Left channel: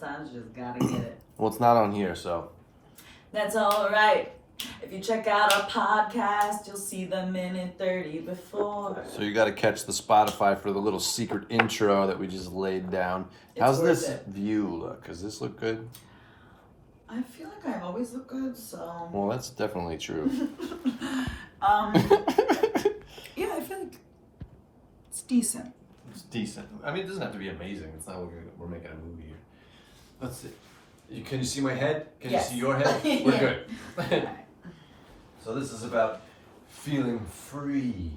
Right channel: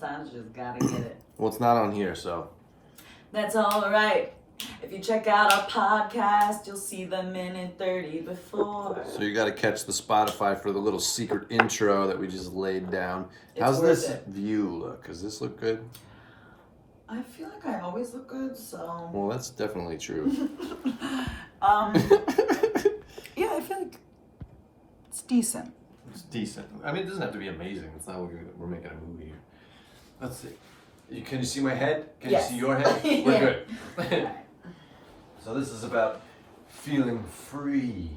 sometimes you just gotta get it. Well, it's not on here, so. That's alright. If you check out our podcast, you'll see the minute 30 before. So you got to catch the Spotify for the little secret intro that we just laid down. It's How's worth this it. view look? Does this look good? I feel like I always look good, so. Well, that's definitely true. Yeah, I feel like it's decent. It's decent. I mean, it doesn't have to be amazing. It's not like we're making a movie here. Let's see. Can you see my head? Can Yes. you see your head? We're Yeah. good. Alright. So this is about feeling free.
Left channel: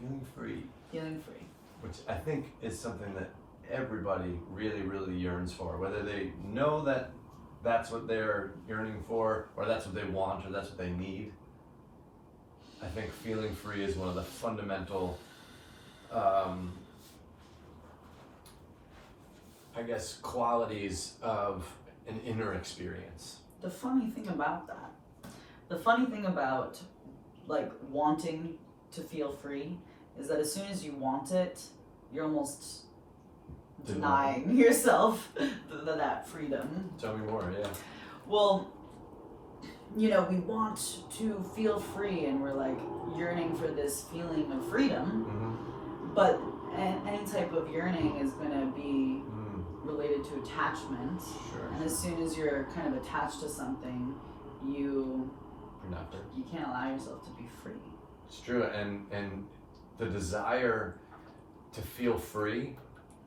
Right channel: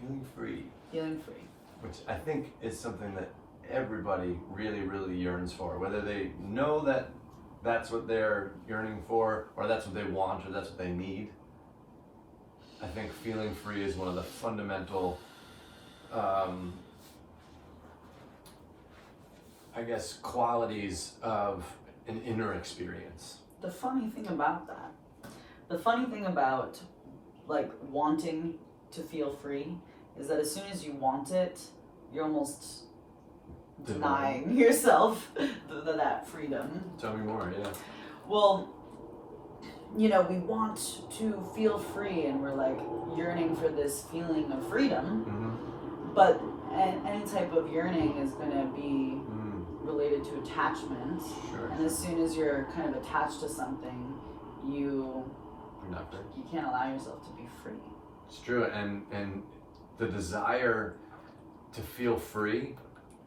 Feeling free. Feeling free. Which I think is something that everybody really, really yearns for. Whether they know that that's what they're yearning for, or that's what they want, or that's what they need. I think feeling free is one of the fundamental, qualities of an inner experience. The funny thing about like wanting to feel free is that as soon as you want it, you're almost denying yourself that freedom. Tell me more, yeah. Well, we want to feel free and we're like yearning for this feeling of freedom, Mm-hmm. but any type of yearning is going to be related to attachment. Sure. And as soon as you're kind of attached to something, you can't allow yourself to be free. It's true, and the desire to feel free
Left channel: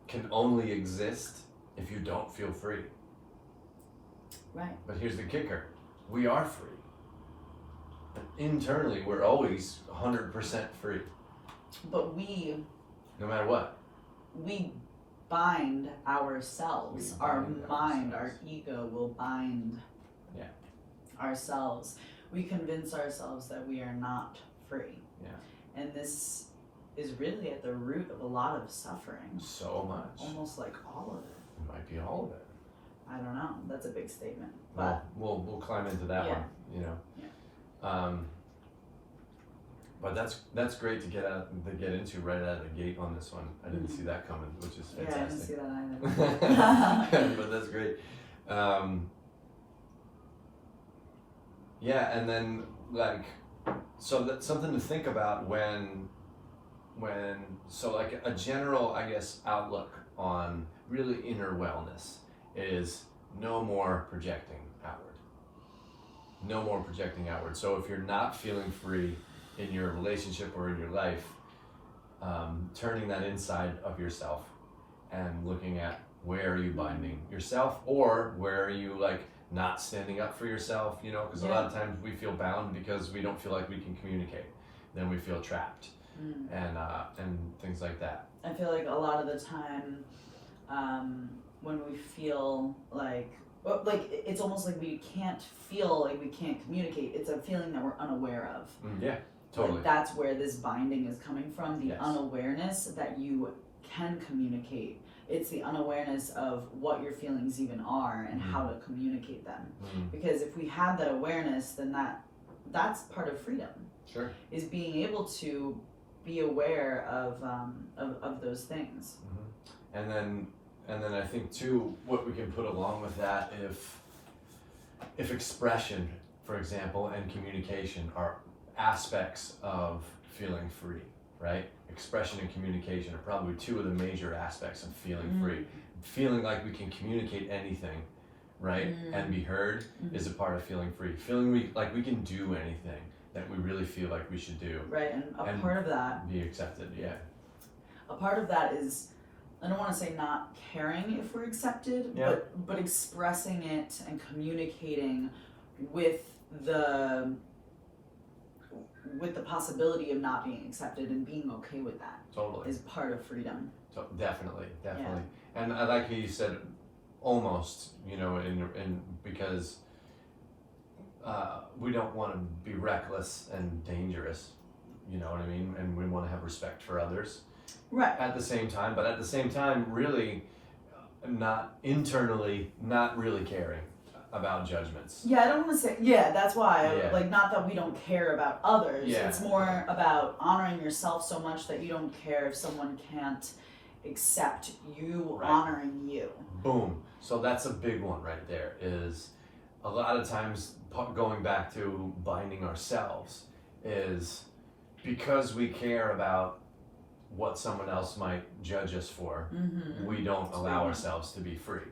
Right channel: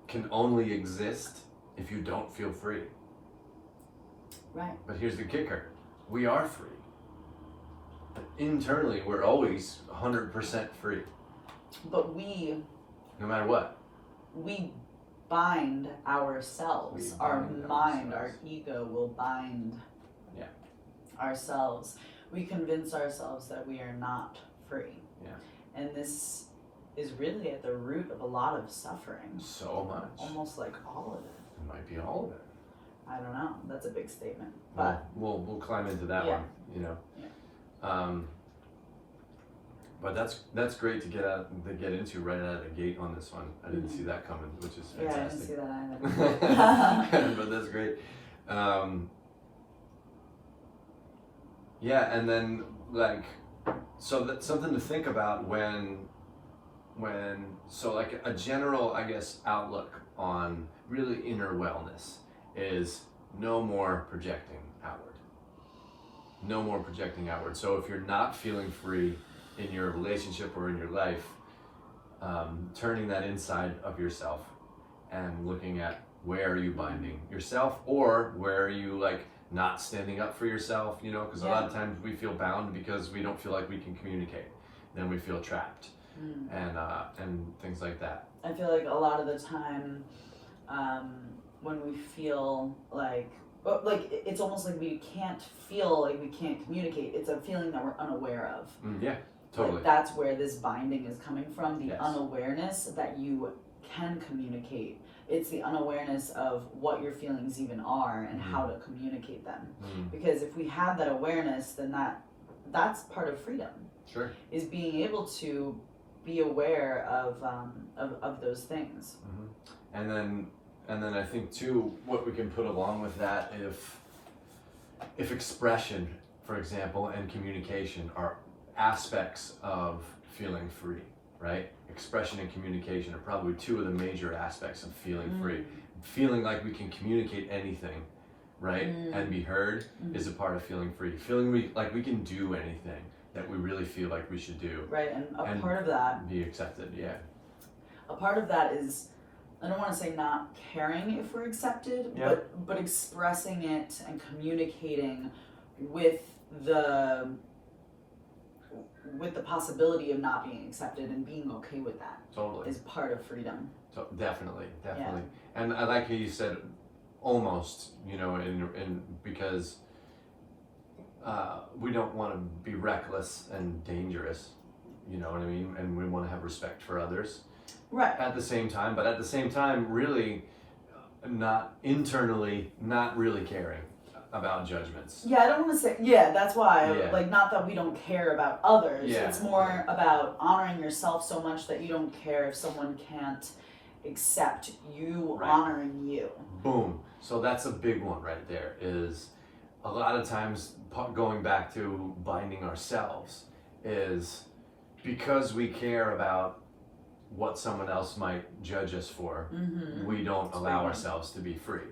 can only exist if you don't feel free. Right. But here's the kicker. We are free. Internally, we're always 100% free, But we no matter what. bind ourselves. We Our bind mind, ourselves. our ego will bind ourselves. We convince ourselves that we are not free. Yeah. And this is really at the root of a lot of suffering. So much. Almost like all of it. It might be all of it. I don't know. That's a big statement. But We'll climb into that Yeah. one, Yeah. But that's great to get into right out of the gate on this one. I didn't see that coming, which is yeah, I didn't fantastic. see that either. But that's great. Yeah, and then so that's something to think about when a general, outlook on really inner wellness is no more projecting outward. No more projecting outward. So if you're not feeling free in your relationship or in your life, turning that inside of yourself and looking at where are you binding yourself, or where are you not standing up for yourself, because a lot of times we feel bound because we don't feel like we can communicate. Then we feel trapped and things like that. I feel like a lot of the time when we feel like it's almost like we can't feel like we can't communicate. It's a feeling that we're unaware of. Yeah, totally. Like that's where this binding is coming from, the Yes. unawareness that you can communicate. It's the unawareness of what your feelings even are and how to communicate them. Because if we have that awareness, then that's part of freedom. Sure. Is being able to be aware of those things. And then I think too, what we can put along with that, if expression, for example, and communication are aspects of feeling free, right? Expression and communication are probably two of the major aspects of feeling free. Feeling like we can communicate anything, right, and be heard is a part of feeling free. Feeling like we can do anything that we really feel like we should do. Right, and part of that, be accepted, yeah. a part of that is, I don't want to say not caring if we're accepted, but expressing it and communicating with the possibility of not being accepted and being okay with that. Totally. Is part of freedom. So definitely. And I like how you said almost, because we don't want to be reckless and dangerous, you know what I mean? And we want to have respect for others. Right. At the same time, really not really caring about judgments. Yeah, I don't want to say, that's why, not that we don't care about others. Yeah. It's more about honoring yourself so much that you don't care if someone can't accept you honoring you. Boom. So that's a big one right there, is a lot of times going back to binding ourselves is because we care about what someone else might judge us for, we don't allow ourselves to be free.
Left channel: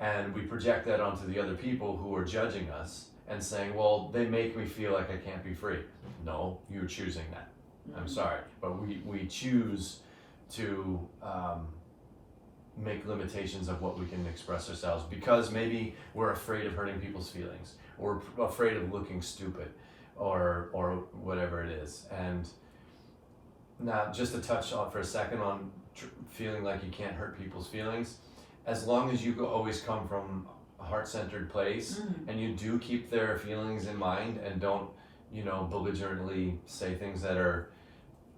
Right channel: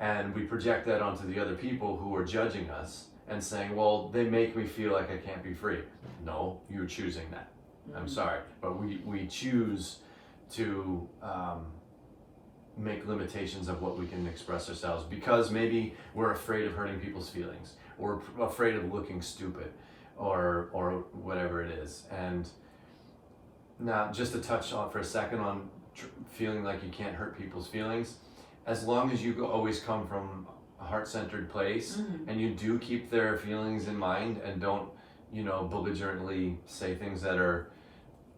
And we project that onto the other people who are judging us and saying, well, they make me feel like I can't be free. No, you're choosing that. I'm sorry, but we choose to make limitations of what we can express ourselves because maybe we're afraid of hurting people's feelings, or afraid of looking stupid, or whatever it is. And now, just to touch on for a second on feeling like you can't hurt people's feelings, as long as you always come from a heart-centered place and you do keep their feelings in mind and don't, belligerently say things that are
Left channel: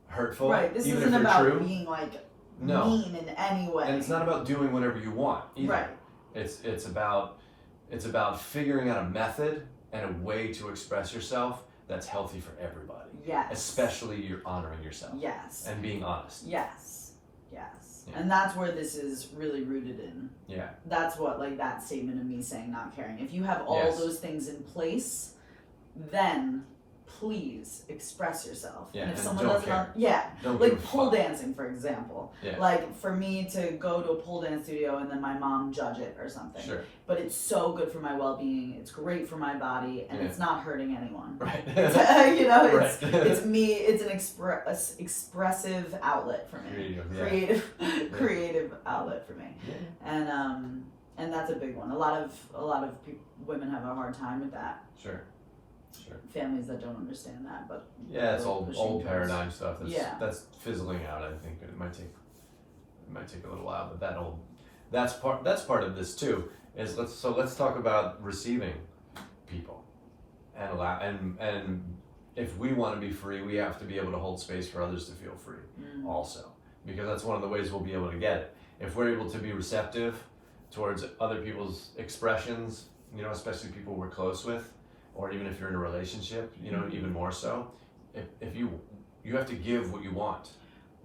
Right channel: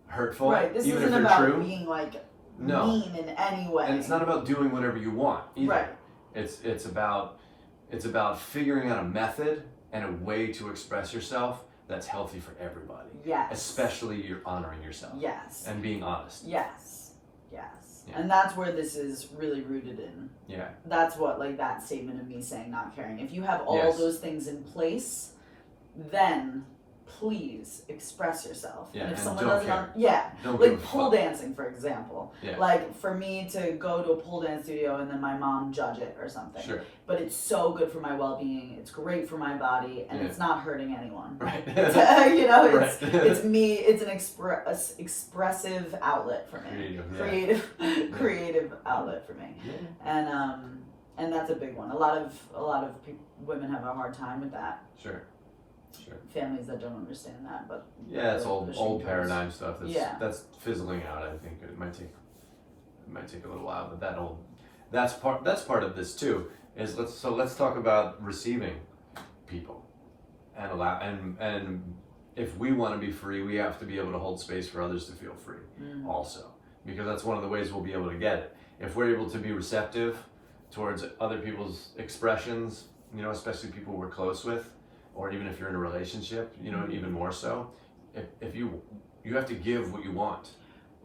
hurtful, right. This even isn't if they're about true. being like No. mean in any way. And it's not about doing whatever you want either. Right. It's about figuring out a method and a way to express yourself that's healthy for everybody. Yes. Especially you're honoring yourself. Yes. And being honest. Yes. Yes. Yeah. And that's where this is really rooted in. Yeah. That's what, like, that statement of me saying not caring. If you have all Yes. those things in place, then please express yourself. Yeah, and if and someone don't doesn't, care. Don't like give a pole fuck. dancing, for example. Yeah. Like for me to go to a pole dance studio and then my mom judge it or something. Sure. But it's so good for my well-being. It's great for my body, and Yeah. it's not hurting anyone. Right. It's, Right. it's me. It's an expressive outlet for me. Creative outlet for me. Yeah. And that's a big one. A lot of women have a hard time with that. Sure. Families that don't understand that, but Yeah, it's the old shoulders. paradigm stuff. Yeah. That's fizzling out. I think it might take a little while, but that's part of this too. Is let's talk about receiving people and allow and if we want to be free, we have to be able to hold space for others to feel free also, because that's one of the ways we'll be able to get it. If we're able to be receptive towards other people's expressions, especially people we're close with, or even if you're in a relationship, even more so, if you have to give what you want.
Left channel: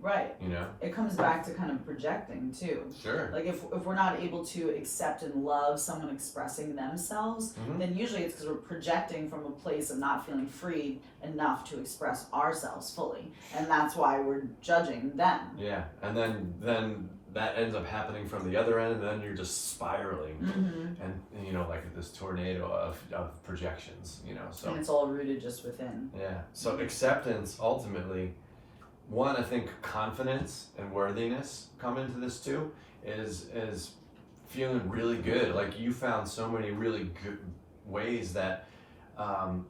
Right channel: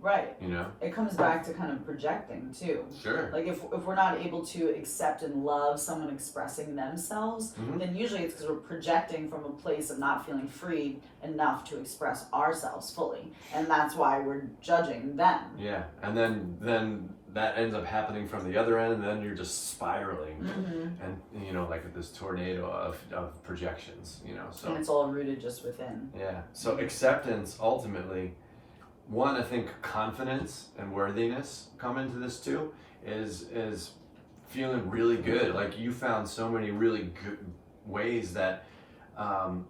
right. It comes back to kind of projecting too. Sure. Like if we're not able to accept and love someone expressing themselves, then usually it's because we're projecting from a place of not feeling free enough to express ourselves fully, and that's why we're judging them. Yeah, and then that ends up happening from the other end, and then you're just spiraling, and like this tornado of projections, so. And it's all rooted just within. Yeah. So acceptance ultimately. One, I think confidence and worthiness come into this too, is feeling really good. Like you found so many really good ways that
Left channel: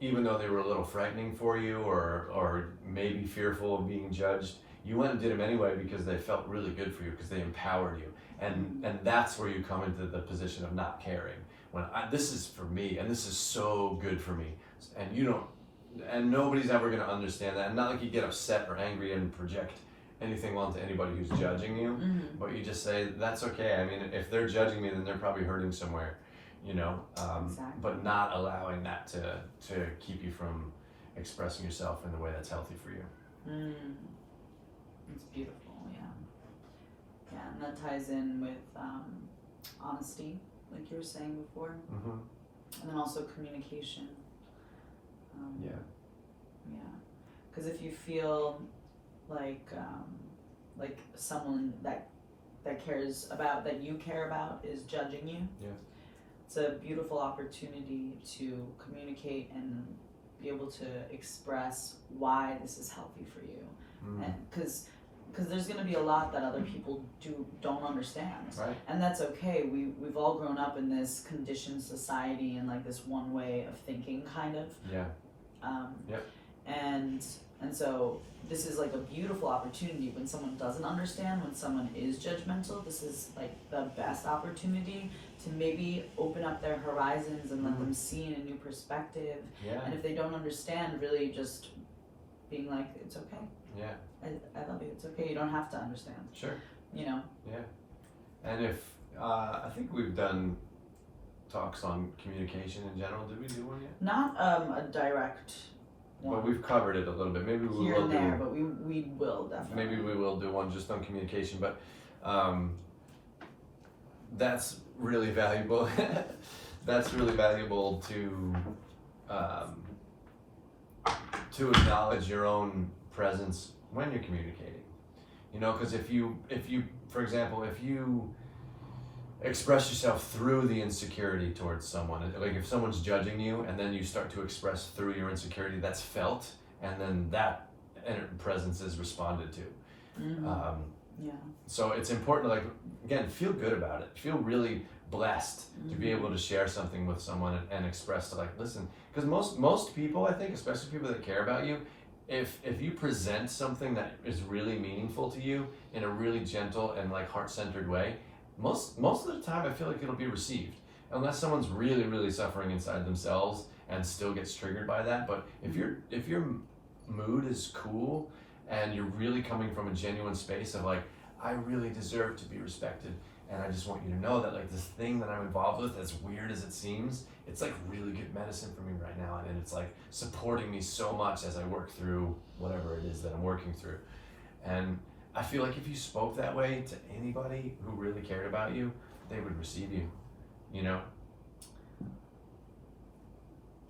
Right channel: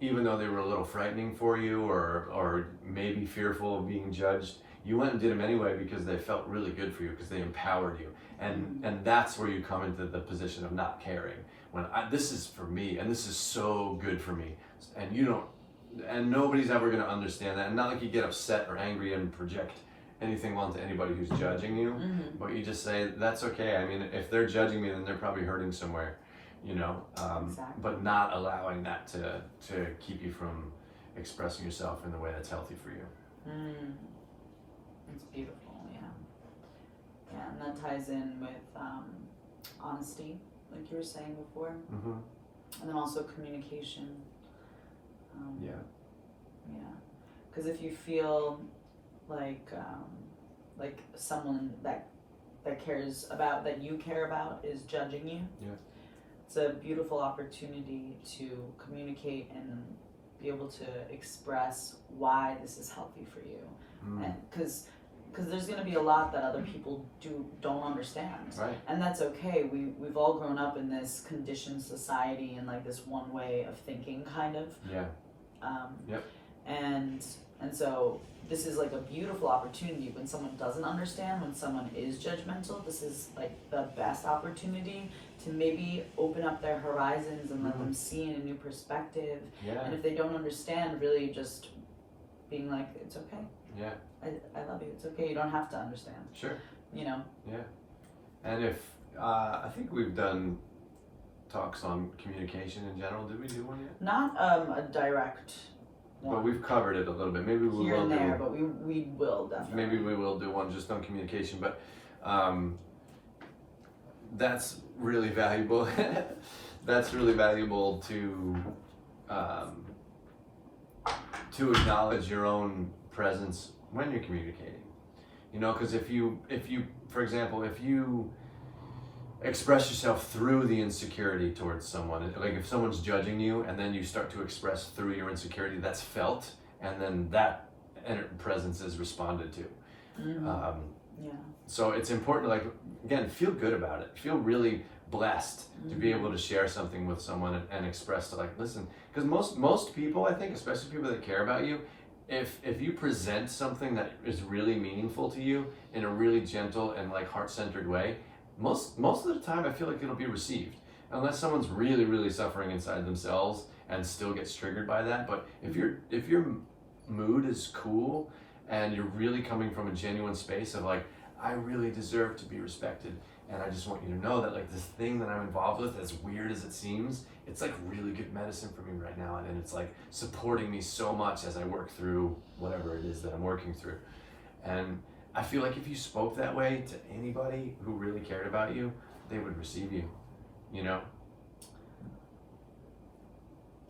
even though they were a little frightening for you or maybe fearful of being judged, you went and did them anyway because they felt really good for you, because they empowered you. And that's where you come into the position of not caring. When this is for me and this is so good for me, and nobody's ever going to understand that. And not like you get upset or angry and project anything onto anybody who's judging you, but you just say, that's okay. I mean, if they're judging me, then they're probably hurting somewhere, Exactly. but not allowing that to keep you from expressing yourself in the way that's healthy for you. It's beautiful, yeah. Yeah, and that ties in with honesty, like you were saying before, and then also communication. Yeah. Because if you feel like someone that cares about, that you care about, is judging you, it's a beautiful opportunity to communicate and be able to express why this is healthy for you, and because there's going to be a lot that other people don't understand, Right. and that's okay. We've all grown up in this conditioned society and like this one way of thinking, kind of. Yeah. And so this is like a beautiful opportunity when someone doesn't understand, when someone is judgmental. This is like the best opportunity to maybe open up their horizons and let them see in a new perspective. Yeah. And if they don't understand, really just being like, it's okay. Yeah. I love you. It's okay. You don't have to understand. Sure. Yeah. And if I think we've done talks on communication in general. Did we do one yet? Not a direct one. But we've covered it a little bit. Maybe we here will and there, do. but we will definitely. Maybe we will do one just on communication. But that's really valuable. That's really valuable to acknowledge your own presence when you're communicating. You know, because if you, for example, if you express yourself through the insecurity towards someone, like if someone's judging you and then you start to express through your insecurity, that's felt, and then that presence is responded to. Yeah. So it's important to, like, again, feel good about it. Feel really blessed to be able to share something with someone and express to, like, listen, because most people, I think, especially people that care about you, if you present something that is really meaningful to you in a really gentle and like heart-centered way, most of the time I feel like it'll be received, unless someone's really, really suffering inside themselves and still gets triggered by that. But if your mood is cool and you're really coming from a genuine space of like, I really deserve to be respected, and I just want you to know that like this thing that I'm involved with, as weird as it seems, it's like really good medicine for me right now, and it's like supporting me so much as I work through whatever it is that I'm working through. And I feel like if you spoke that way to anybody who really cared about you, they would receive you, you know?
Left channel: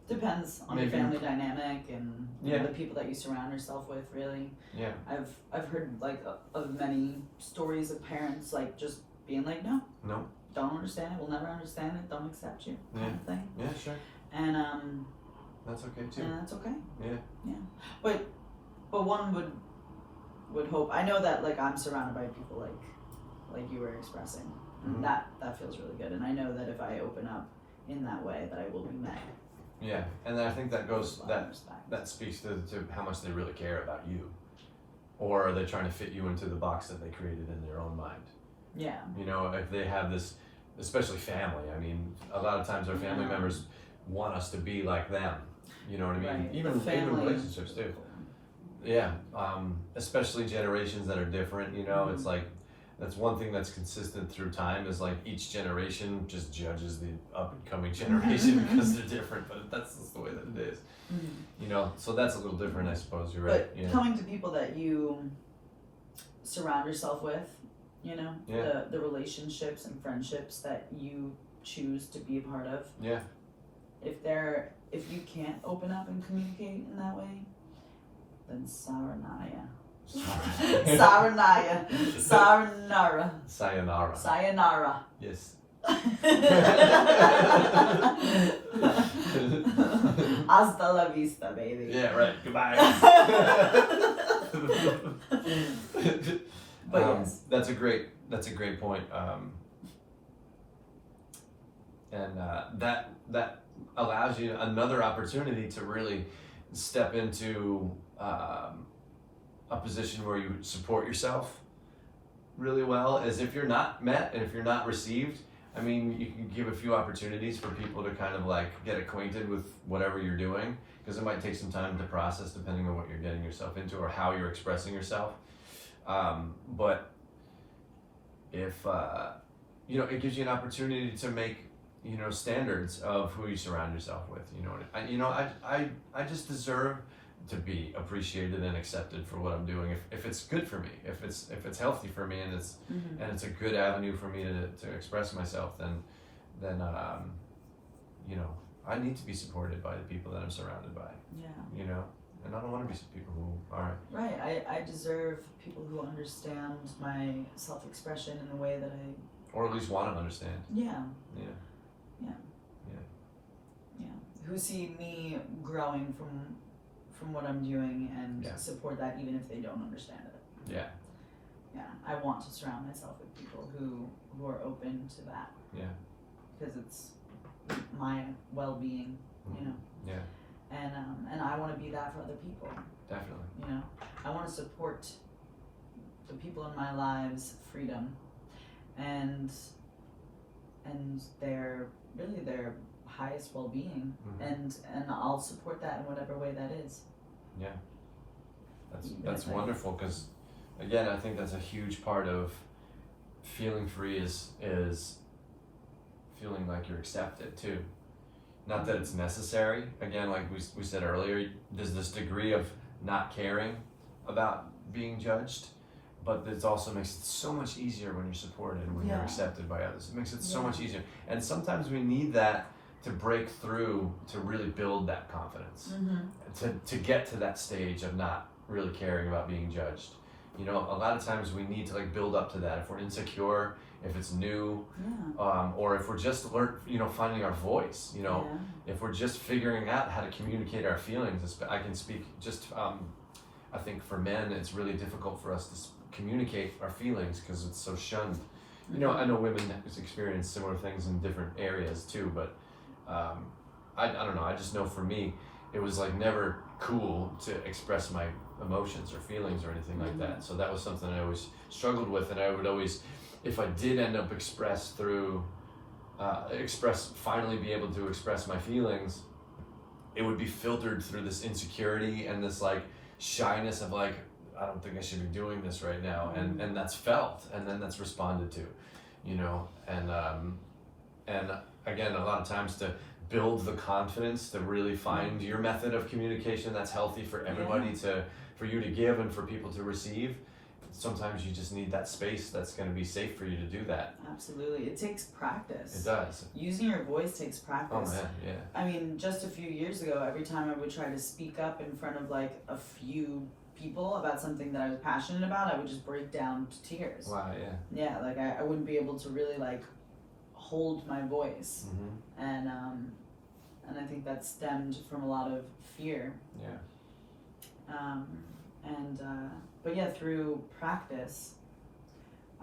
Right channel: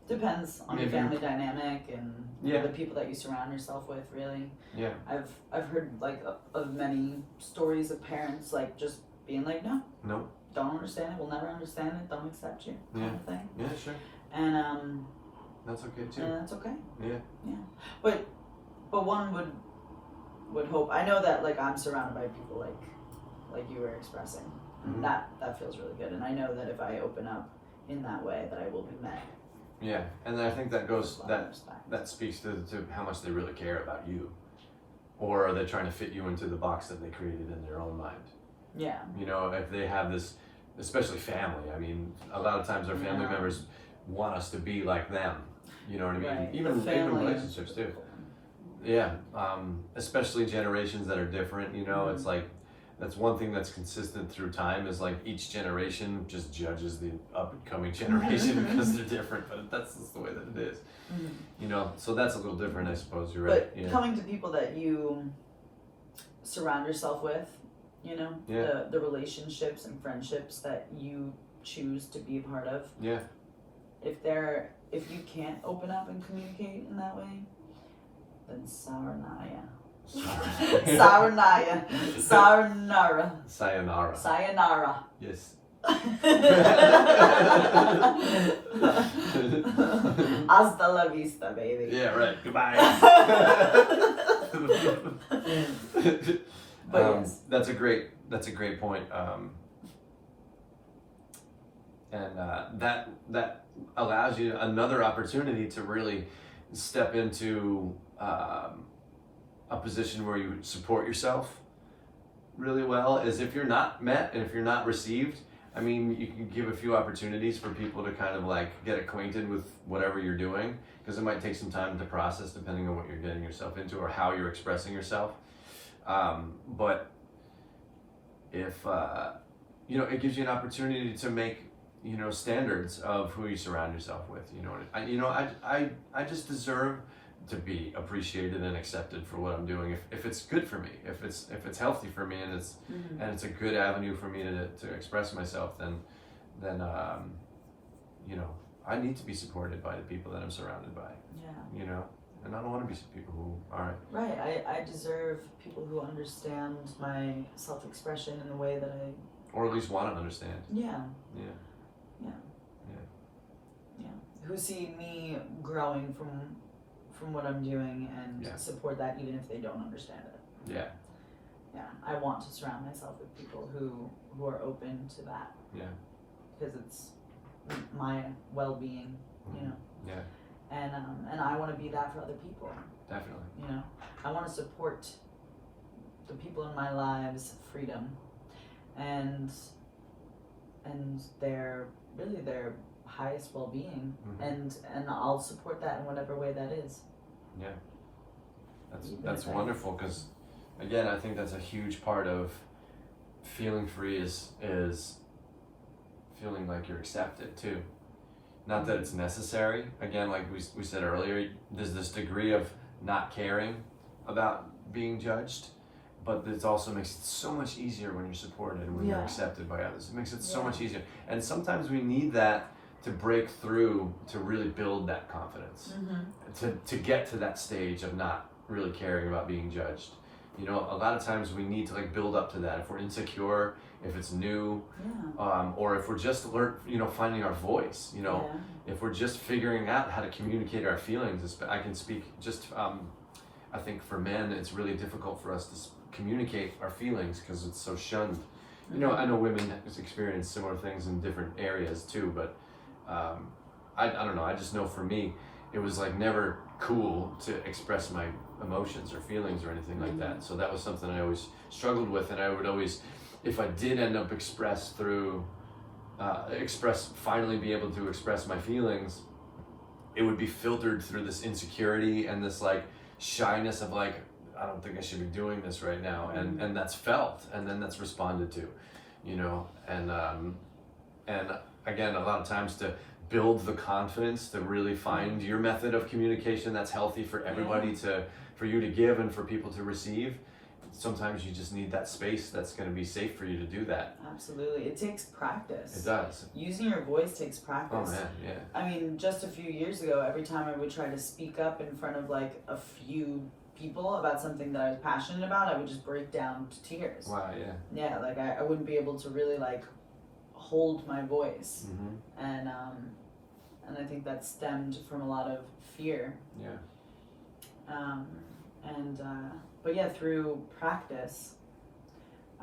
Depends on Maybe. the family dynamic and Yeah. the people that you surround yourself with, really. Yeah. I've heard like of many stories of parents like just being like, no, don't understand it, we'll never understand it, don't accept you, kind of thing. Yeah, sure. And That's okay too. and that's okay. Yeah. But one would hope. I know that like I'm surrounded by people like you were expressing. Mhm. That feels really good, and I know that if I open up in that way, that I will be met. Yeah, and then I think that goes with love and respect. that speaks to how much they really care about you, or are they trying to fit you into the box that they created in their own mind? Yeah. You know, if they have this, especially family. I mean, a lot of times our family members want us to be like them. You know what I mean? Right. Even Family. relationships too. Yeah, especially generations that are different. You know, it's like that's one thing that's consistent through time is like each generation just judges the up and coming generation because they're different. But that's just the way that it is. You know, so that's a little different, I suppose. You're right. But coming to people that you surround yourself with, you know, the relationships and friendships that you choose to be a part of. Yeah. If you can't open up and communicate in that way, then Saranaya. Saranaya. Saranara. Sayonara. Sayonara. Yes. Hasta la vista, baby. Yeah, right. Goodbye. But yes. That's a great point. And that allows you another opportunity to really step into a position where you support yourself really well. As if you're not met and if you're not received, I mean, you can give a few opportunities for people to kind of like get acquainted with whatever you're doing, because it might take some time to process depending on what you're getting yourself into or how you're expressing yourself. But if you know, it gives you an opportunity to make, you know, standards of who you surround yourself with. You know, I just deserve to be appreciated and accepted for what I'm doing. If it's good for me, if it's healthy for me, and it's a good avenue for me to express myself, then you know, I need to be supported by the people that I'm surrounded by. Yeah. You know, and I don't want to be people who aren't. Right. I deserve people who understand my self-expression in the way that I. Or at least want to understand. Yeah. Yeah. Who see me growing from what I'm doing and support that even if they don't understand it. Yeah. Yeah. I want to surround myself with people who are open to that. Yeah. Because it's my well-being, you know. Yeah. And I want to be that for other people. Definitely. You know, I want to support the people in my lives' freedom and their highest well-being, and I'll support that in whatever way that is. Yeah, that's wonderful, because again, I think that's a huge part of feeling free is feeling like you're accepted too. Not that it's necessary. Again, like we said earlier, there's this degree of not caring about being judged, but it also makes it so much easier when you're supported and when you're Yeah. accepted by others. It makes it so Yeah. much easier. And sometimes we need that to break through to really build that confidence, to get to that stage of not really caring about being judged. You know, a lot of times we need to like build up to that. If we're insecure, if it's new, Yeah. or if we're just finding our voice, you know, Yeah. if we're just figuring out how to communicate our feelings. I can speak just, I think for men, it's really difficult for us to communicate our feelings because it's so shunned. You know, I know women experience similar things in different areas too, but I don't know. I just know for me, it was like never cool to express my emotions or feelings or anything like that. So that was something I always struggled with, and I would always, if I did end up finally be able to express my feelings, it would be filtered through this insecurity and this like shyness of like, I don't think I should be doing this right now, and that's felt, and then that's responded to, you know, and again, a lot of times to build the confidence to really find your method of communication that's healthy for everybody, for you to give and for people to receive. Sometimes you just need that space that's going to be safe for you to do that. Absolutely. It takes practice. It does. Using your voice takes practice. Oh man, yeah. I mean, just a few years ago, every time I would try to speak up in front of like a few people about something that I was passionate about, I would just break down to tears. Wow, yeah. Yeah, like I wouldn't be able to really like hold my voice. And I think that stemmed from a lot of fear. Yeah. But yeah, through practice,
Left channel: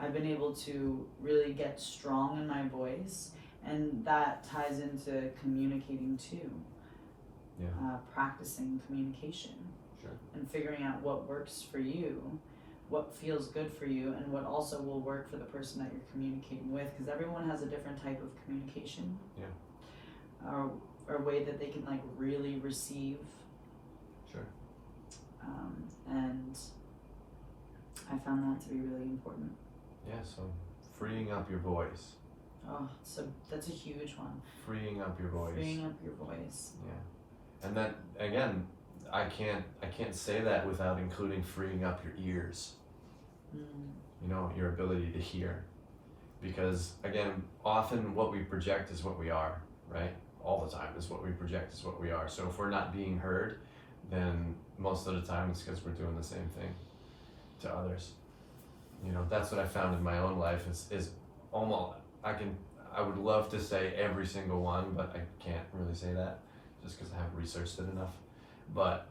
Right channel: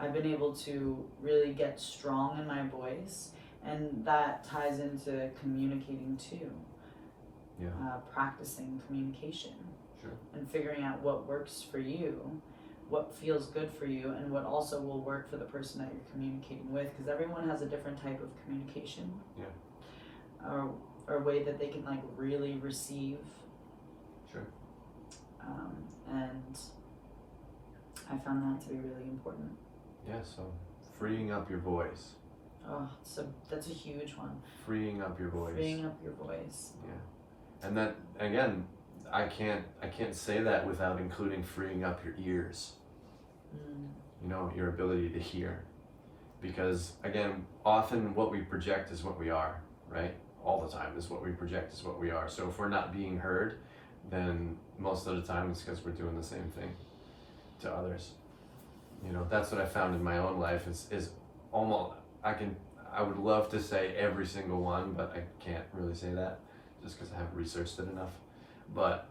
I've been able to really get strong in my voice, and that ties into communicating too. Yeah. Practicing communication. Sure. And figuring out what works for you, what feels good for you, and what also will work for the person that you're communicating with, because everyone has a different type of communication. Yeah. Or way that they can like really receive. Sure. And I found that to be really important. Yeah, so freeing up your voice. Oh, so that's a huge one. Freeing up your voice. Freeing up your voice. Yeah. And that, again, I can't say that without including freeing up your ears. You know, your ability to hear. Because again, often what we project is what we are, right? All the time is what we project is what we are. So if we're not being heard, then most of the time it's because we're doing the same thing to others. You know, that's what I found in my own life is almost, I would love to say every single one, but I can't really say that just because I haven't researched it enough. But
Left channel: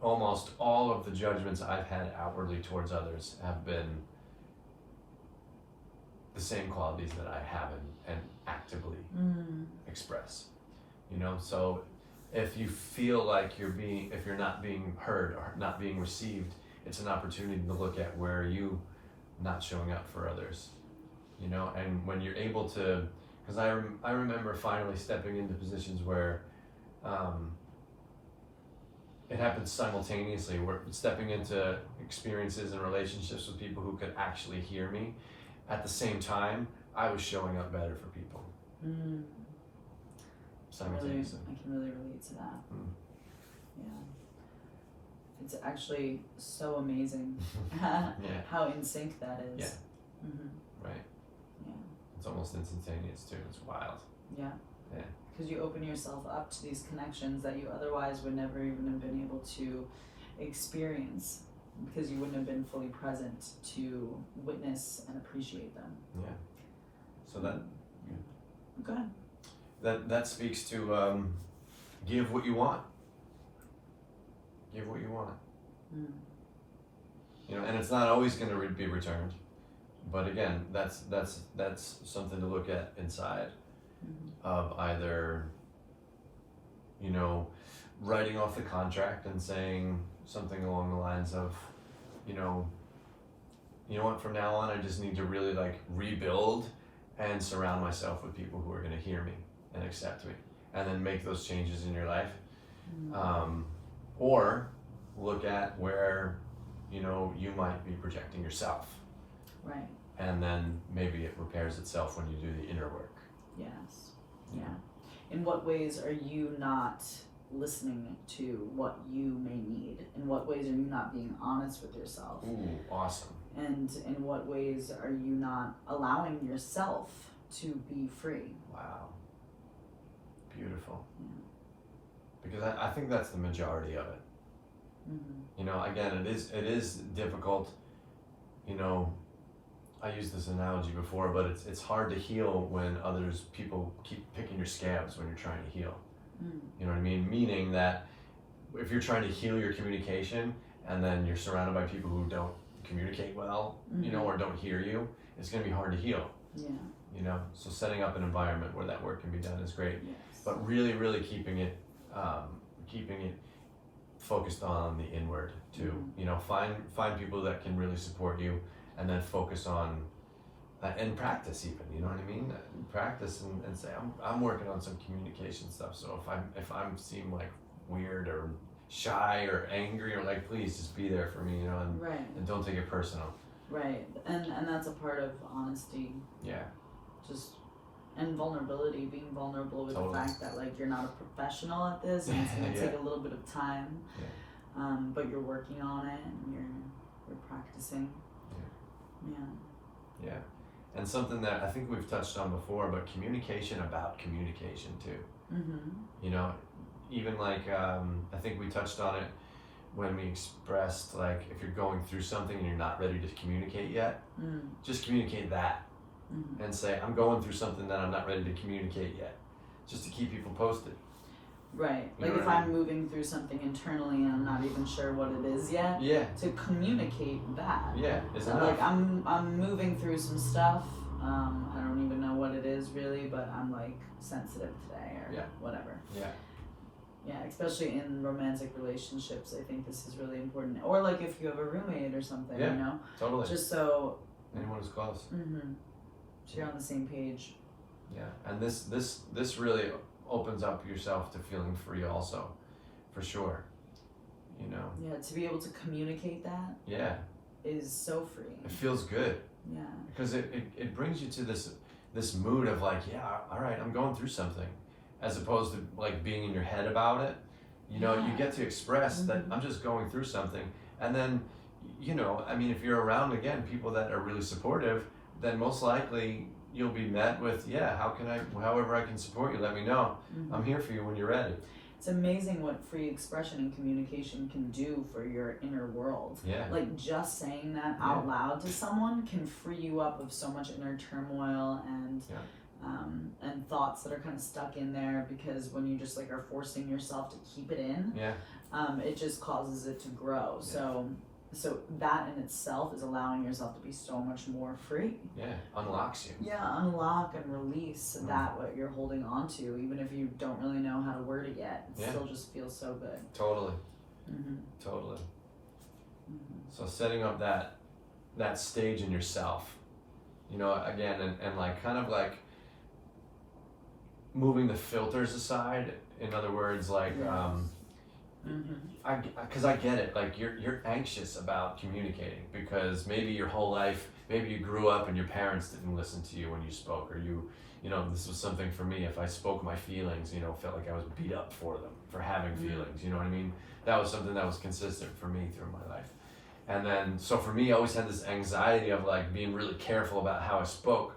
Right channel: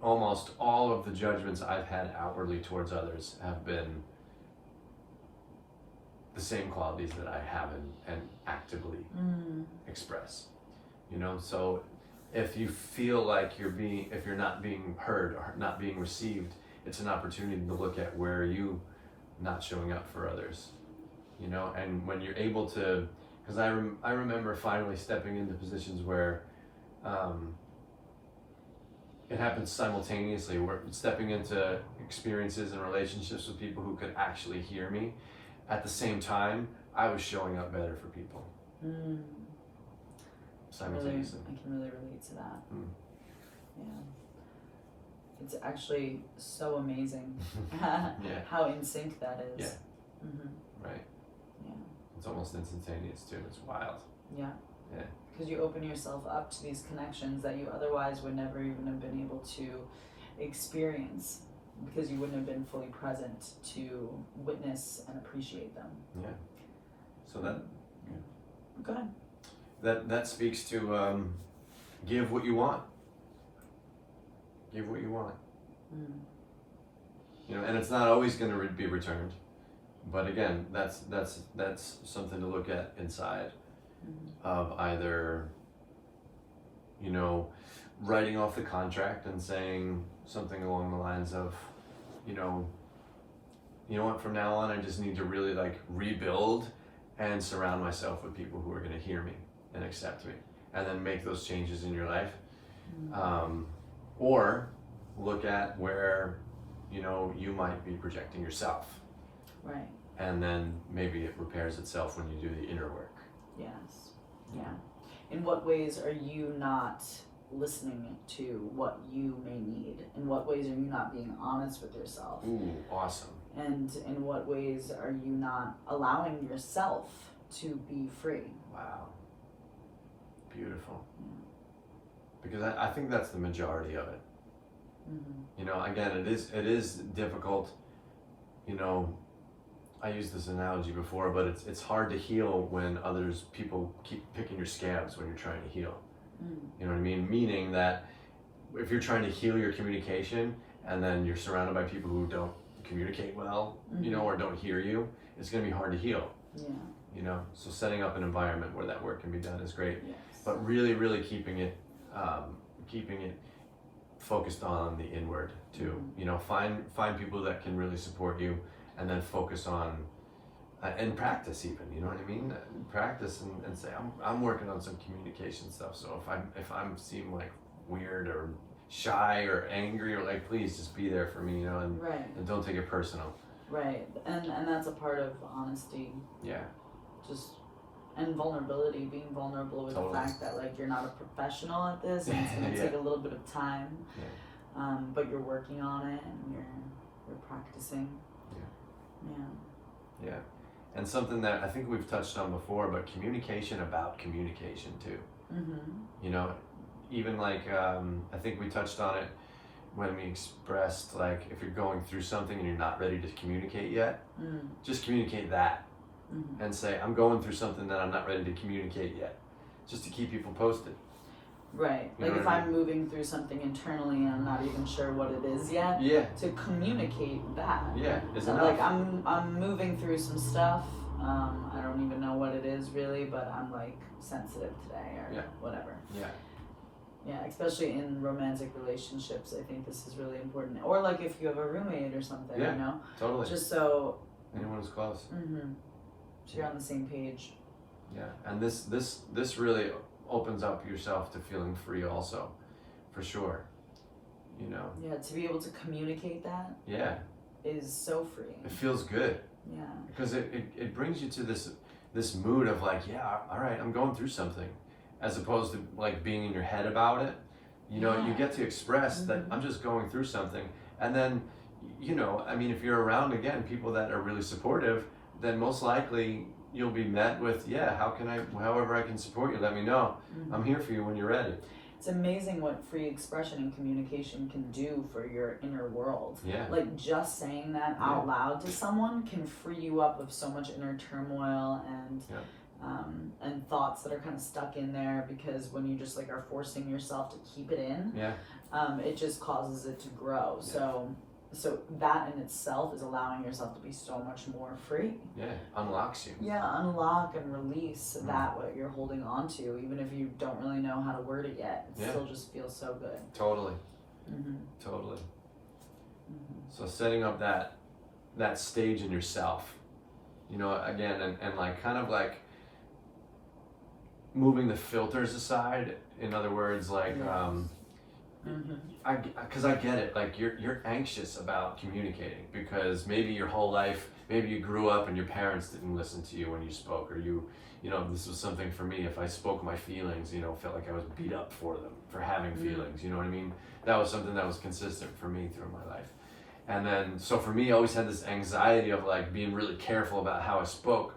almost all of the judgments I've had outwardly towards others have been the same qualities that I have and actively express. You know, so if you feel like if you're not being heard or not being received, it's an opportunity to look at where are you not showing up for others, you know. And when you're able to, because I remember finally stepping into positions where it happens simultaneously, where stepping into experiences and relationships with people who could actually hear me. At the same time, I was showing up better for people. Simultaneously. I can really relate to that. Yeah. It's actually so amazing how in sync that is. Yeah. Right. Yeah. It's almost instantaneous too. It's wild. Yeah. Yeah. Because you open yourself up to these connections that you otherwise would never even have been able to experience, because you wouldn't have been fully present to witness and appreciate them. Yeah. So that. Go ahead. That speaks to give what you want. Give what you want. You know, and it's not always going to be returned, but again, that's something to look at inside of either, you know, writing off the contract and saying something along the lines of, you know what, from now on I just need to really like rebuild and surround myself with people who are going to hear me and accept me, and then make those changes in your life. Or look at where, you know, you might be projecting yourself. Right. And then maybe it repairs itself when you do the inner work. Yes. Yeah. In what ways are you not listening to what you may need? In what ways are you not being honest with yourself? Ooh, awesome. And in what ways are you not allowing yourself to be free? Wow. Beautiful. Yeah. Because I think that's the majority of it. Mm-hmm. You know, again, it is difficult. You know, I used this analogy before, but it's hard to heal when people keep picking your scabs when you're trying to heal. Mm. You know what I mean? Meaning that if you're trying to heal your communication and then you're surrounded by people who don't communicate well, you know, or don't hear you, it's going to be hard to heal. Yeah. You know, so setting up an environment where that work can be done is great. Yes. But really, really keeping it focused on the inward too. Mm-hmm. You know, find people that can really support you, and then focus on and practice even. You know what I mean? Practice and say I'm working on some communication stuff. So if I'm seem like weird or shy or angry or like, please just be there for me. You know, and Right. and don't take it personal. Right. And that's a part of honesty. Yeah. Just and vulnerability, being vulnerable with Totally. the fact that like you're not a professional at this and it's gonna Yeah. take a little bit of time. Yeah. But you're working on it and you're practicing. Yeah. Yeah. And something that I think we've touched on before, but communication about communication too. Mm-hmm. You know, even like I think we touched on it when we expressed like if you're going through something and you're not ready to communicate yet, just communicate that and say I'm going through something that I'm not ready to communicate yet, just to keep people posted. Right. You Like know if what I I'm moving through something internally and I'm not even sure what it is yet, Yeah. to communicate that. Yeah. Is So, enough. like I'm moving through some stuff. I don't even know what it is really, but I'm like sensitive today or Yeah. whatever. Yeah. Yeah, especially in romantic relationships, I think this is really important. Or like if you have a roommate or something, Yeah. you know, Totally. just so Anyone who's close. so you're on the same page. Yeah. And this really opens up yourself to feeling free also, for sure. You know. Yeah, to be able to communicate that Yeah. is so freeing. It feels good. Yeah. Because it brings you to this mood of like, yeah, all right, I'm going through something, as opposed to like being in your head about it. You know, you Yeah. get to express that I'm just going through something, and then, you know, I mean, if you're around again people that are really supportive, then most likely you'll be met with, yeah, however I can support you, let me know. I'm here for you when you're ready. It's amazing what free expression and communication can do for your inner world. Yeah. Like just saying that out loud to someone can free you up of so much inner turmoil and thoughts that are kind of stuck in there, because when you just like are forcing yourself to keep it in, it just causes it to grow. Yeah. So that in itself is allowing yourself to be so much more free. Yeah, unlocks you. Yeah, unlock and release that what you're holding on to, even if you don't really know how to word it yet. It still just feels so good. Totally. Mm-hmm. Totally. Mm-hmm. So setting up that stage in yourself, you know, again, and like kind of like moving the filters aside. In other words, like because I get it, like you're anxious about communicating because maybe your whole life, maybe you grew up and your parents didn't listen to you when you spoke, or you know, this was something for me, if I spoke my feelings, you know, felt like I was beat up for them, for having feelings, you know what I mean? That was something that was consistent for me through my life. And then, so for me, I always had this anxiety of like being really careful about how I spoke,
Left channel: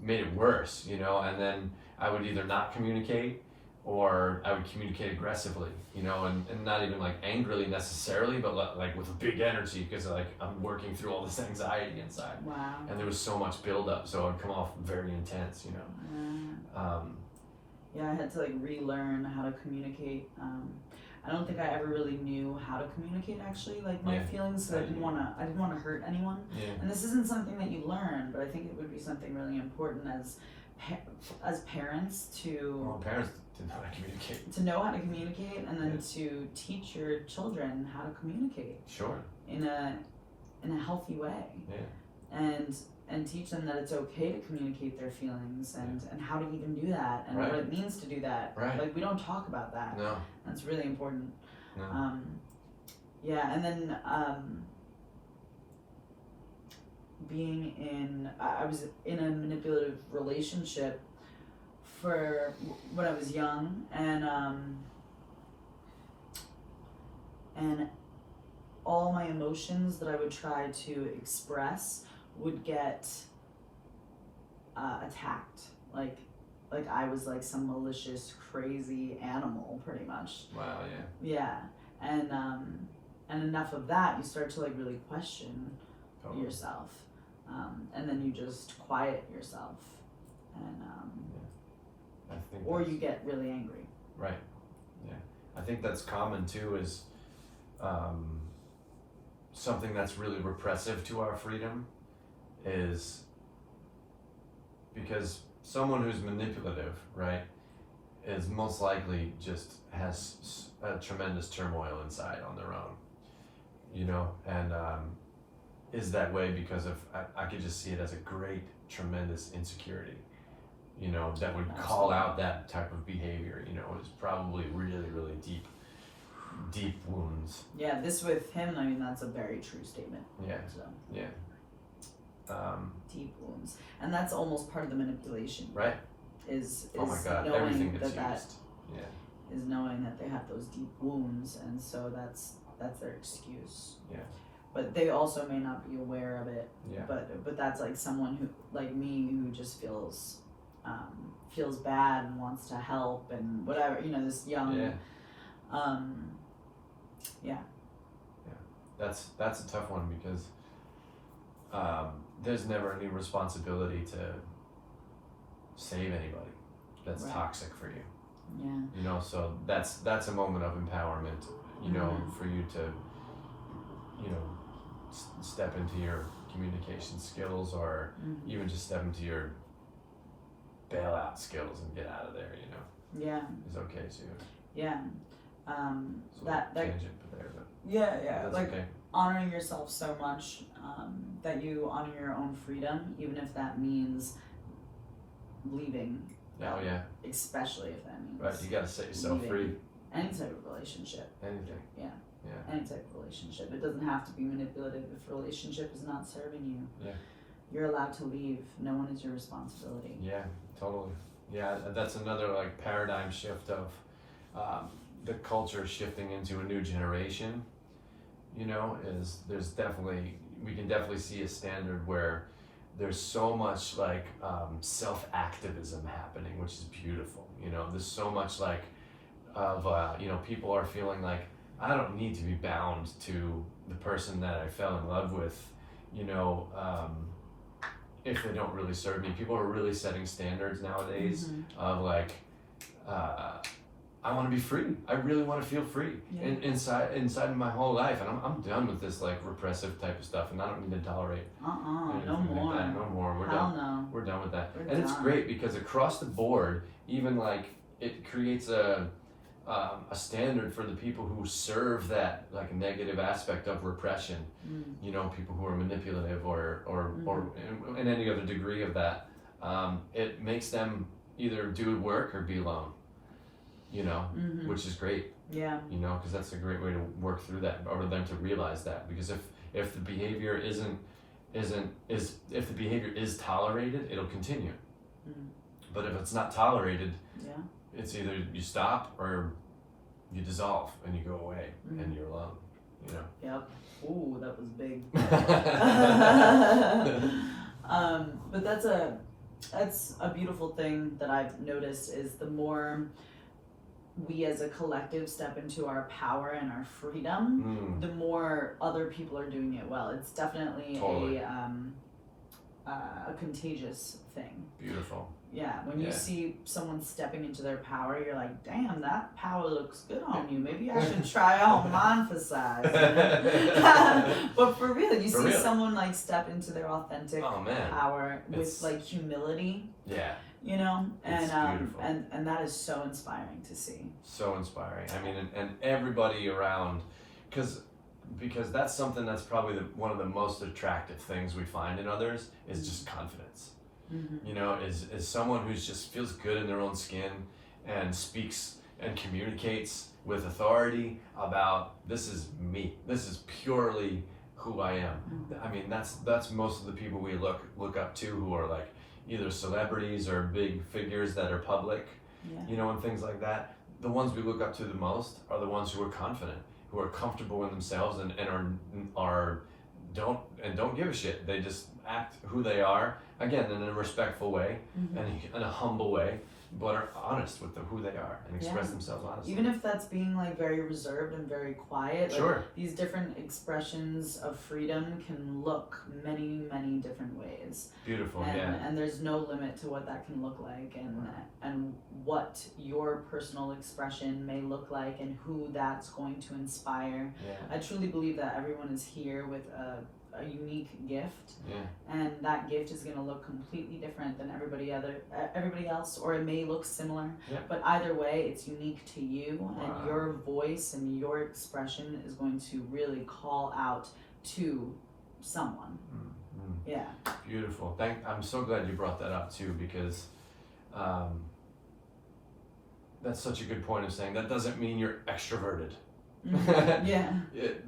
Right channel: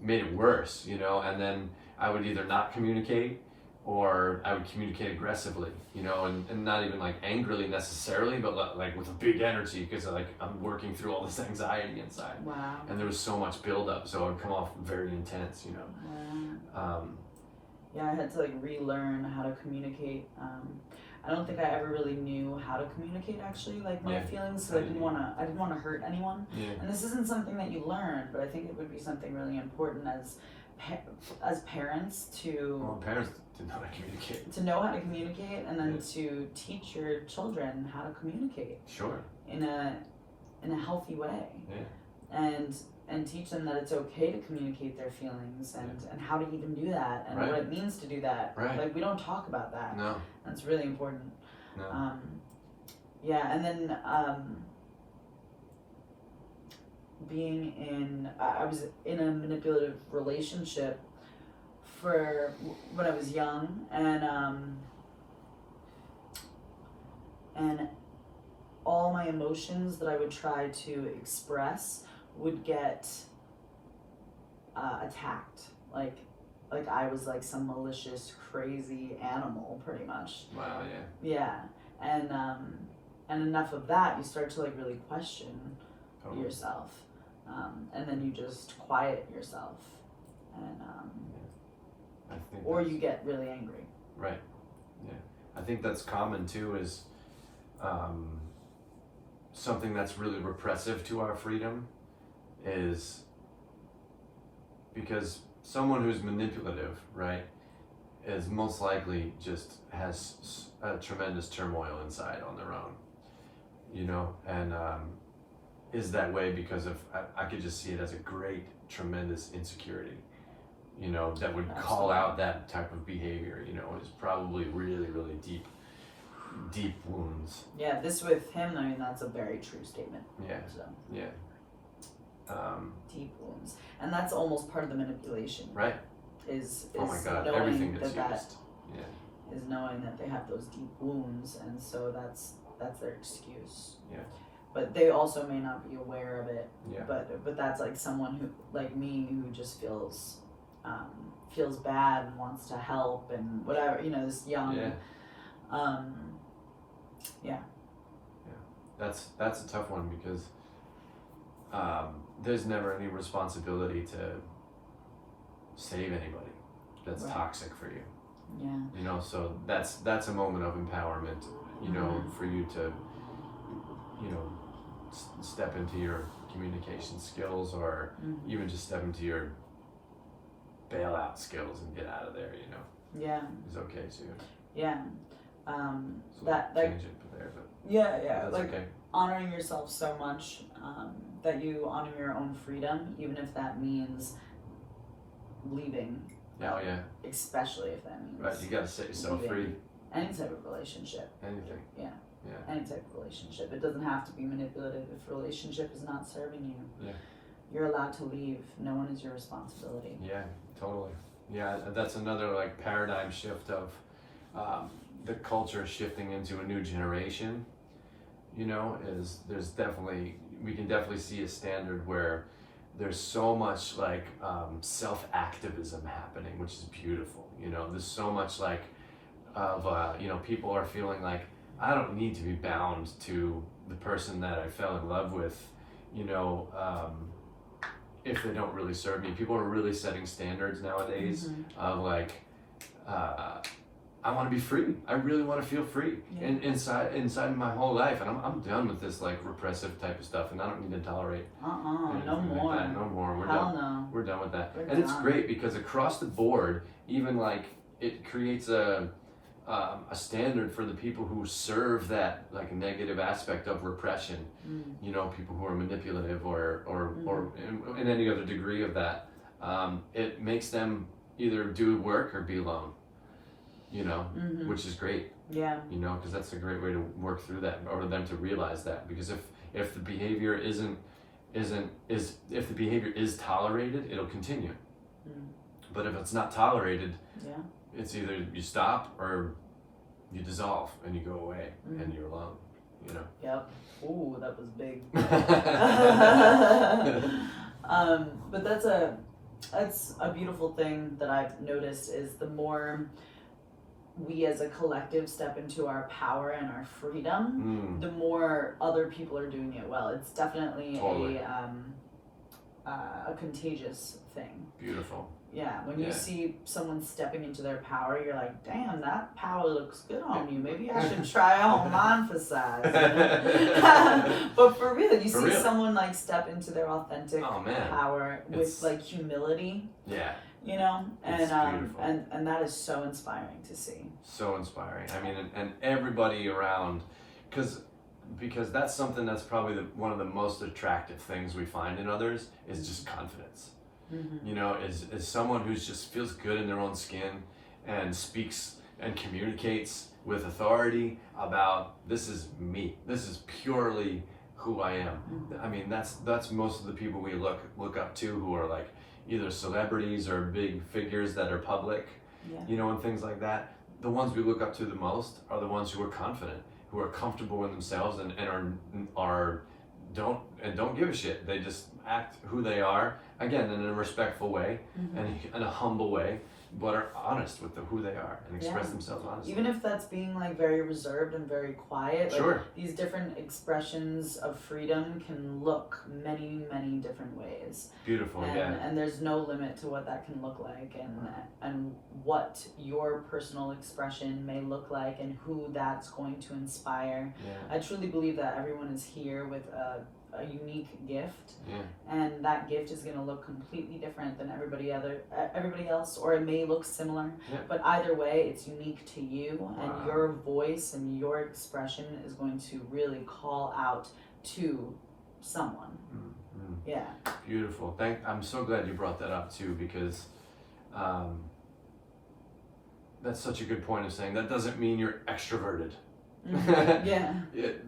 made it worse, you know, and then I would either not communicate or I would communicate aggressively, you know, and not even like angrily necessarily, but like with a big energy, because like I'm working through all this anxiety inside. Wow. And there was so much buildup, so it would come off very intense, you know. Yeah, I had to like relearn how to communicate. I don't think I ever really knew how to communicate actually, like my feelings, so I didn't want to hurt anyone. Yeah. And this isn't something that you learn, but I think it would be something really important as parents to. Well, parents didn't know how to communicate. To know how to communicate, and then to teach your children how to communicate. Sure. In a healthy way. Yeah. And teach them that it's okay to communicate their feelings and how to even do that and what it means to do that. Right. Like we don't talk about that. No. That's really important. No. Yeah, and then being in, I was in a manipulative relationship for when I was young, and all my emotions that I would try to express would get attacked. Like I was like some malicious, crazy animal, pretty much. Wow, Yeah, and enough of that, you start to like really question totally. yourself, and then you just quiet yourself, and I think or you get really angry. Right. Yeah. I think that's common too, is something that's really repressive to our freedom is because someone who's manipulative, right, is most likely just has a tremendous turmoil inside on their own, you know, and is that way because of, I could just see it as a great, tremendous insecurity, you know, that would call out that type of behavior, you know, is probably really, really deep wounds. Yeah, this with him, I mean, that's a very true statement. Yeah. So, Yeah. deep wounds. And that's almost part of the manipulation. Right. Is Oh my God, knowing everything gets that used. Yeah. is knowing that they have those deep wounds, and so that's their excuse. Yeah. But they also may not be aware of it. Yeah. But that's like someone who, like me, who just feels bad and wants to help and whatever, you know, this young. Yeah. That's a tough one because there's never any responsibility to save anybody that's Right. toxic for you. Yeah. You know, so that's a moment of empowerment, you know, for you to, you know, step into your communication skills, or even just step into your bailout skills and get out of there, you know. Yeah. It's okay too. Yeah. So that tangent there, but yeah, that's like okay. honoring yourself so much, that you honor your own freedom, even if that means leaving. Oh yeah. Especially if that means Right, you gotta set yourself leaving free. any type of relationship. Anything. Yeah. Yeah. Any type of relationship. It doesn't have to be manipulative. If a relationship is not serving you, Yeah. you're allowed to leave. No one is your responsibility. Yeah, totally. Yeah, that's another like paradigm shift of the culture shifting into a new generation. You know, is we can definitely see a standard where there's so much like self-activism happening, which is beautiful. You know, there's so much like of you know, people are feeling like, I don't need to be bound to the person that I fell in love with, you know, if they don't really serve me. People are really setting standards nowadays of like, I want to be free. I really want to feel free inside my whole life, and I'm done with this like repressive type of stuff, and I don't need to tolerate No anything more. like that. No more. We're Hell done. no. We're done with that. We're And it's done. great because across the board, even like it creates a standard for the people who serve that like negative aspect of repression. You know, people who are manipulative or in any other degree of that. It makes them either do work or be alone. You know, which is great. Yeah. You know, because that's a great way to work through that, or them to realize that. Because if the behavior if the behavior is tolerated, it'll continue. But if it's not tolerated, it's either you stop or you dissolve and you go away and you're alone. You know. Yep. Ooh, that was big. But that's a beautiful thing that I've noticed is the more we as a collective step into our power and our freedom, the more other people are doing it well. It's definitely Totally. A contagious thing. Beautiful. Yeah, when you see someone stepping into their power, you're like, damn, that power looks good on you. Maybe I should try on mine for size. You know? But for real, you see someone like step into their authentic power with like humility. Yeah. You know, It's beautiful. and that is so inspiring to see. So inspiring. I mean, and everybody around, because that's something that's probably one of the most attractive things we find in others is just confidence. You know, is someone who's just feels good in their own skin and speaks and communicates with authority about, this is me. This is purely who I am. I mean, that's most of the people we look up to, who are like either celebrities or big figures that are public, you know, and things like that. The ones we look up to the most are the ones who are confident, who are comfortable in themselves and don't give a shit. They just act who they are, again, in a respectful way and in a humble way, but are honest with who they are and express themselves honestly. Even if that's being like very reserved and very quiet, like Sure. these different expressions of freedom can look many, many different ways. Beautiful, And there's no limit to what that can look like, and what your personal expression may look like, and who that's going to inspire. Yeah. I truly believe that everyone is here with a unique gift, Yeah. and that gift is going to look completely different than everybody else, or it may look similar, but either way it's unique to you. And your voice and your expression is going to really call out to someone. Yeah. Beautiful. I'm so glad you brought that up too, because that's such a good point of saying that doesn't mean you're extroverted. Yeah.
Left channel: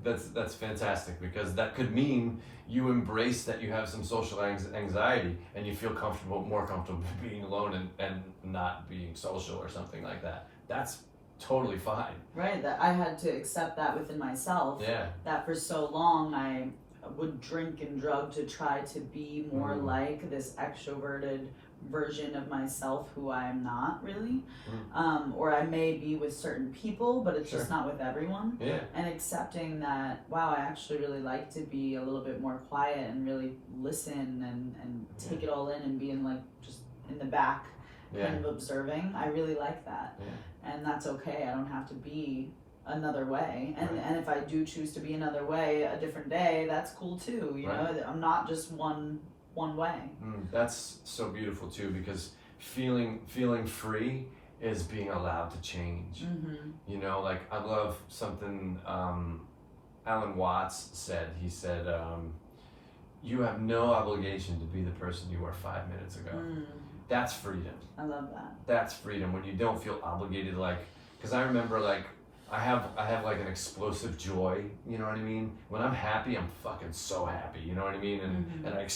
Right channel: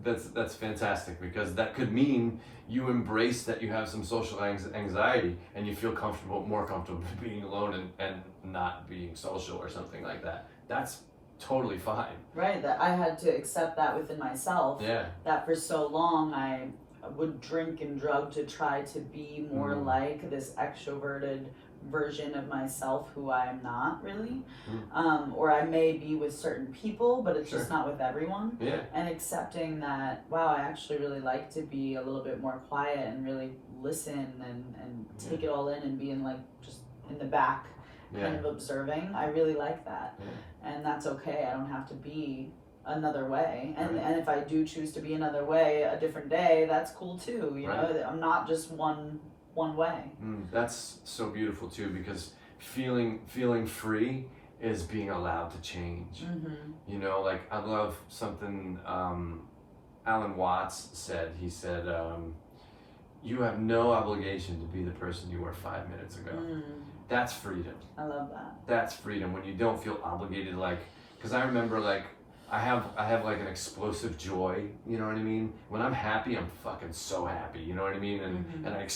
That's fantastic, because that could mean you embrace that you have some social anxiety and you feel more comfortable being alone and not being social or something like that. That's totally fine. Right, that I had to accept that within myself. Yeah. That for so long I would drink and drug to try to be more like this extroverted version of myself, who I am not really. Or I may be with certain people, but it's just not with everyone. Yeah. And accepting that, wow, I actually really like to be a little bit more quiet and really listen and take it all in and be in like just in the back kind of observing. I really like that. And that's okay. I don't have to be another way. And if I do choose to be another way a different day, that's cool too. You know, I'm not just one way. That's so beautiful too, because feeling free is being allowed to change. You know, like I love something Alan Watts said. He said, you have no obligation to be the person you were 5 minutes ago. That's freedom. I love that. That's freedom, when you don't feel obligated, like, because I remember like I have like an explosive joy, you know what I mean? When I'm happy, I'm fucking so happy, you know what I mean? And I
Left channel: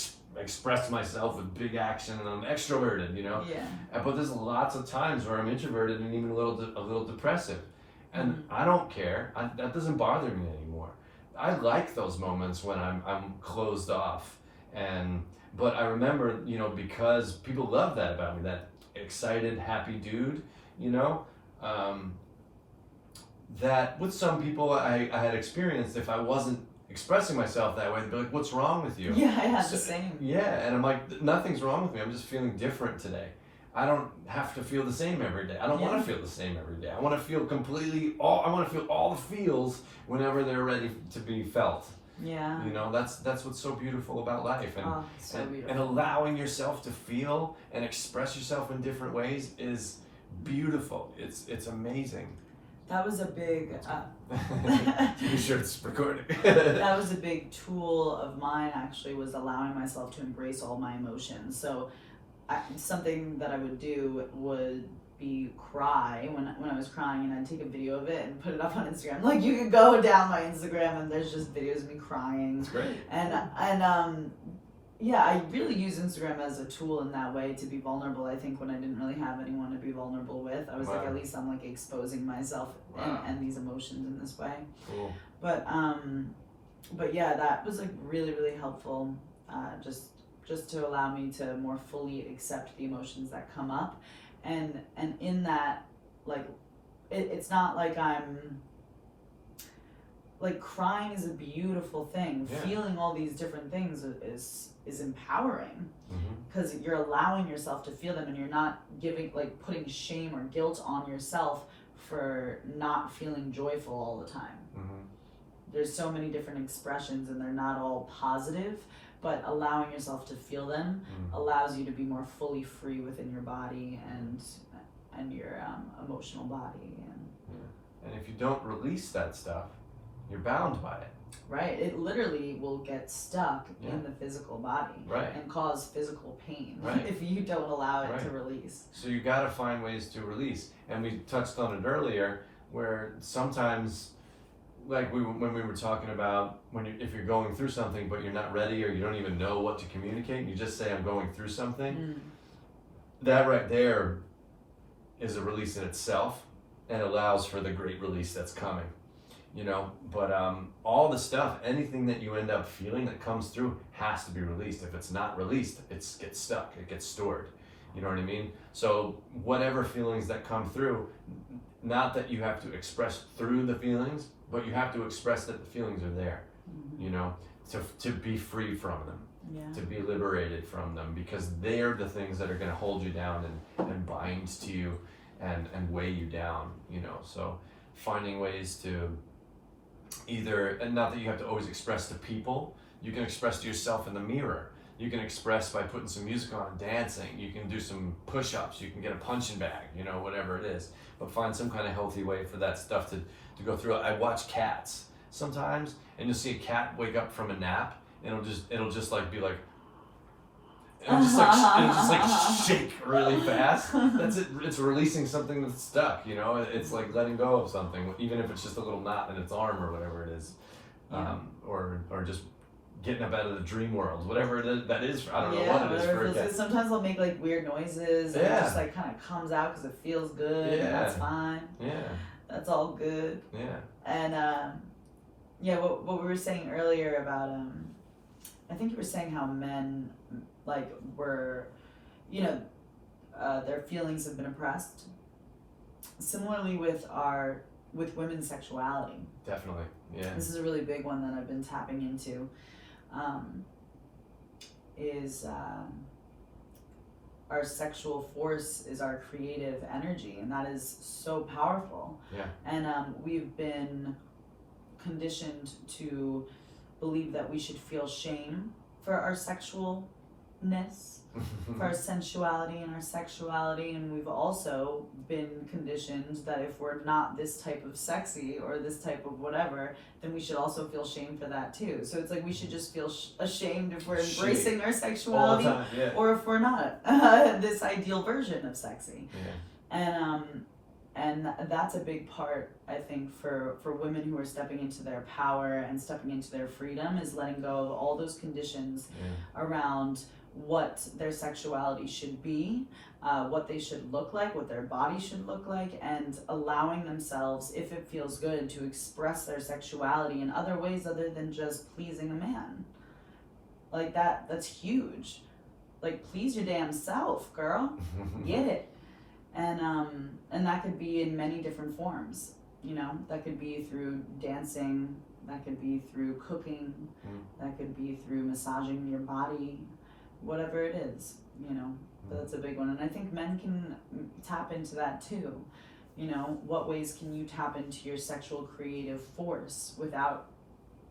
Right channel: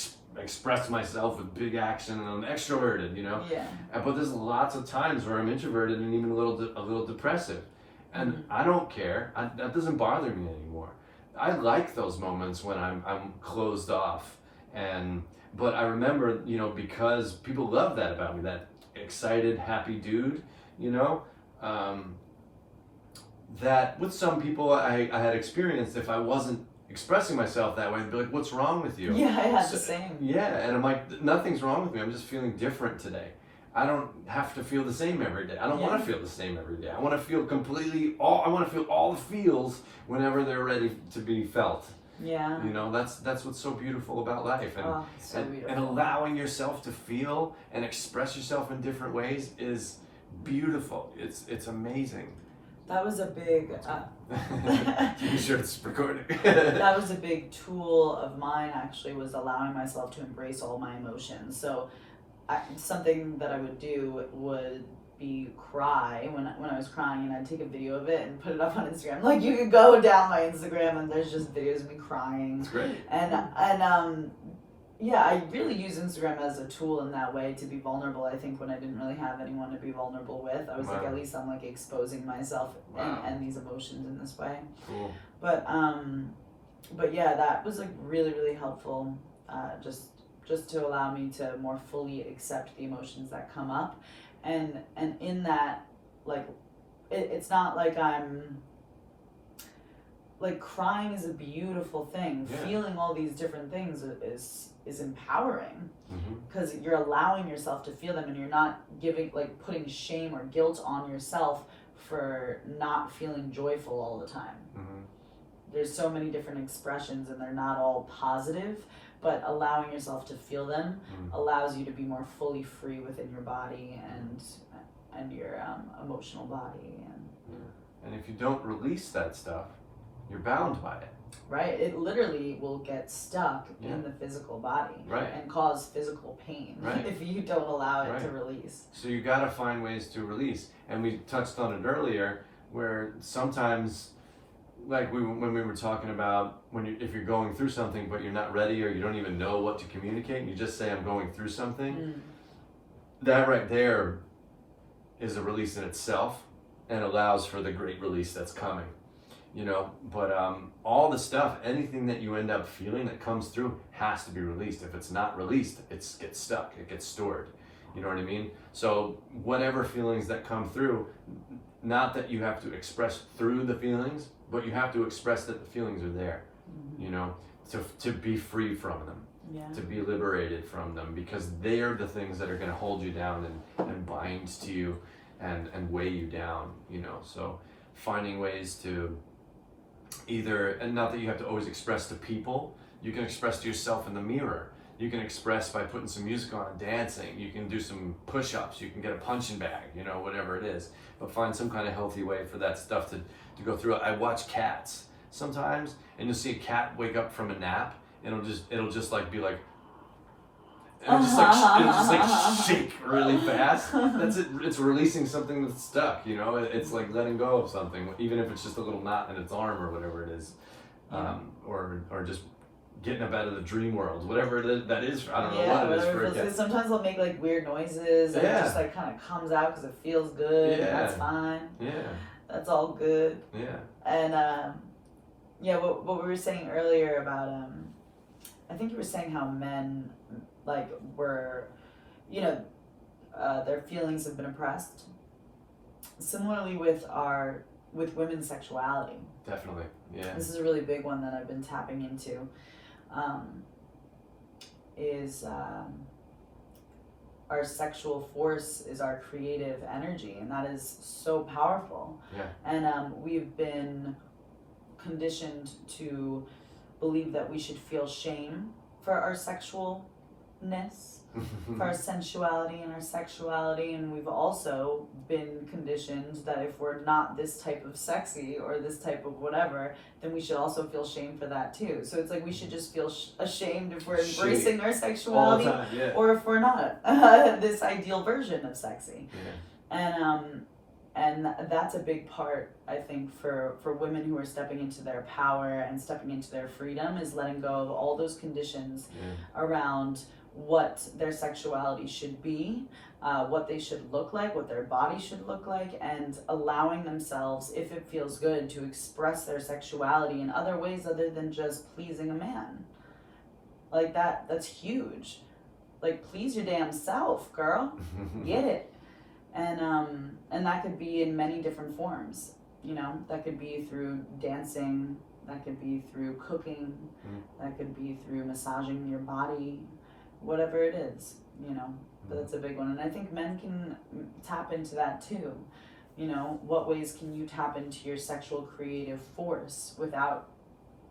express myself with big action, and I'm extroverted, you know? Yeah. But there's lots of times where I'm introverted and even a little depressive. And I don't care. That doesn't bother me anymore. I like those moments when I'm closed off. But I remember, you know, because people love that about me, that excited, happy dude, you know? That with some people I had experienced, if I wasn't expressing myself that way, they'd be like, what's wrong with you? Yeah, I had the same. Yeah, and I'm like, nothing's wrong with me. I'm just feeling different today. I don't have to feel the same every day. I don't want to feel the same every day. I want to feel I want to feel all the feels whenever they're ready to be felt. Yeah. You know, that's what's so beautiful about life. And allowing yourself to feel and express yourself in different ways is beautiful. It's amazing. That was a big You sure it's recording? that was a big tool of mine, actually, was allowing myself to embrace all my emotions. So something that I would do would be cry when I was crying, and I'd take a video of it and put it up on Instagram. Like, you could go down my Instagram and there's just videos of me crying. It's great. Yeah, I really use Instagram as a tool in that way, to be vulnerable. I think when I didn't really have anyone to be vulnerable with, I was like, at least I'm like exposing myself and these emotions in this way. Cool. But yeah, that was like really, really helpful. Just to allow me to more fully accept the emotions that come up, and in that, like, it's not like I'm like, crying is a beautiful thing. Feeling all these different things is empowering, because you're allowing yourself to feel them, and you're not putting shame or guilt on yourself for not feeling joyful all the time. There's so many different expressions, and they're not all positive, but allowing yourself to feel them allows you to be more fully free within your body and your emotional body. And if you don't release that stuff, you're bound by it. Right, it literally will get stuck in the physical body and cause physical pain if you don't allow it to release. So you got to find ways to release, and we touched on it earlier, where sometimes, like when we were talking about if you're going through something but you're not ready, or you don't even know what to communicate, and you just say, I'm going through something, that right there is a release in itself, and allows for the great release that's coming. you know, but all the stuff, anything that you end up feeling that comes through has to be released. If it's not released, it gets stuck, it gets stored. You know what I mean? So whatever feelings that come through, not that you have to express through the feelings, but you have to express that the feelings are there, you know, to be free from them, to be liberated from them, because they're the things that are going to hold you down and bind to you and weigh you down, you know. So finding ways to either, and not that you have to always express to people, you can express to yourself in the mirror. You can express by putting some music on and dancing. You can do some push-ups. You can get a punching bag, you know, whatever it is. But find some kind of healthy way for that stuff to go through. I watch cats sometimes, and you'll see a cat wake up from a nap, and it'll just like be like, it'll just like shake really fast. That's it. It's releasing something that's stuck, you know. It's like letting go of something, even if it's just a little knot in its arm or whatever it is, or just getting up out of the dream world, whatever it is, that is. I don't know what it is for a cat. Sometimes they'll make like weird noises, and it just like kind of comes out because it feels good. And that's fine. Yeah, that's all good. Yeah, and what we were saying earlier about I think you were saying how men like were, you know, their feelings have been oppressed. Similarly with women's sexuality. Definitely, yeah. This is a really big one that I've been tapping into. Our sexual force is our creative energy, and that is so powerful. Yeah. And we've been conditioned to believe that we should feel shame for our sexualness, for our sensuality and our sexuality, and we've also been conditioned that if we're not this type of sexy or this type of whatever, then we should also feel shame for that too. So it's like we should just feel ashamed if we're embracing our sexuality, all the time, yeah. Or if we're not this ideal version of sexy. Yeah. And that's a big part, I think, for women who are stepping into their power and stepping into their freedom, is letting go of all those conditions around what their sexuality should be, what they should look like, what their body should look like, and allowing themselves, if it feels good, to express their sexuality in other ways other than just pleasing a man. Like that's huge. Like, please your damn self, girl. Get it. And that could be in many different forms. You know, that could be through dancing, that could be through cooking, that could be through massaging your body, whatever it is, you know. But that's a big one. And I think men can tap into that too. You know, what ways can you tap into your sexual creative force without,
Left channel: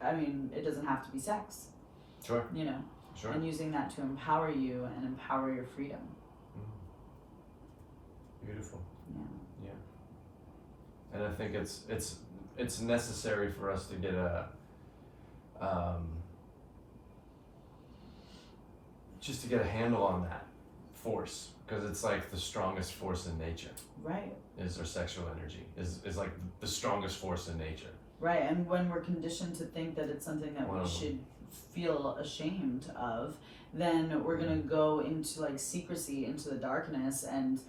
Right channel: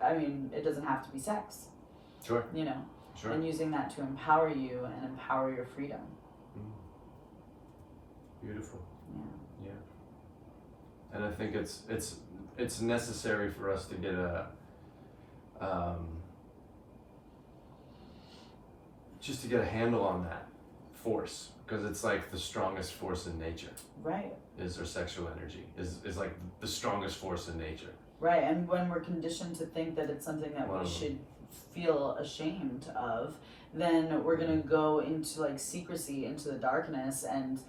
I mean, it doesn't have to be sex. Sure. You know, sure. And using that to empower you and empower your freedom. Beautiful. Yeah. And I think it's necessary for us to get just to get a handle on that force, because it's like the strongest force in nature. Right. Is our sexual energy is like the strongest force in nature. Right. And when we're conditioned to think that it's something that we should feel ashamed of, then we're gonna go into like secrecy, into the darkness, and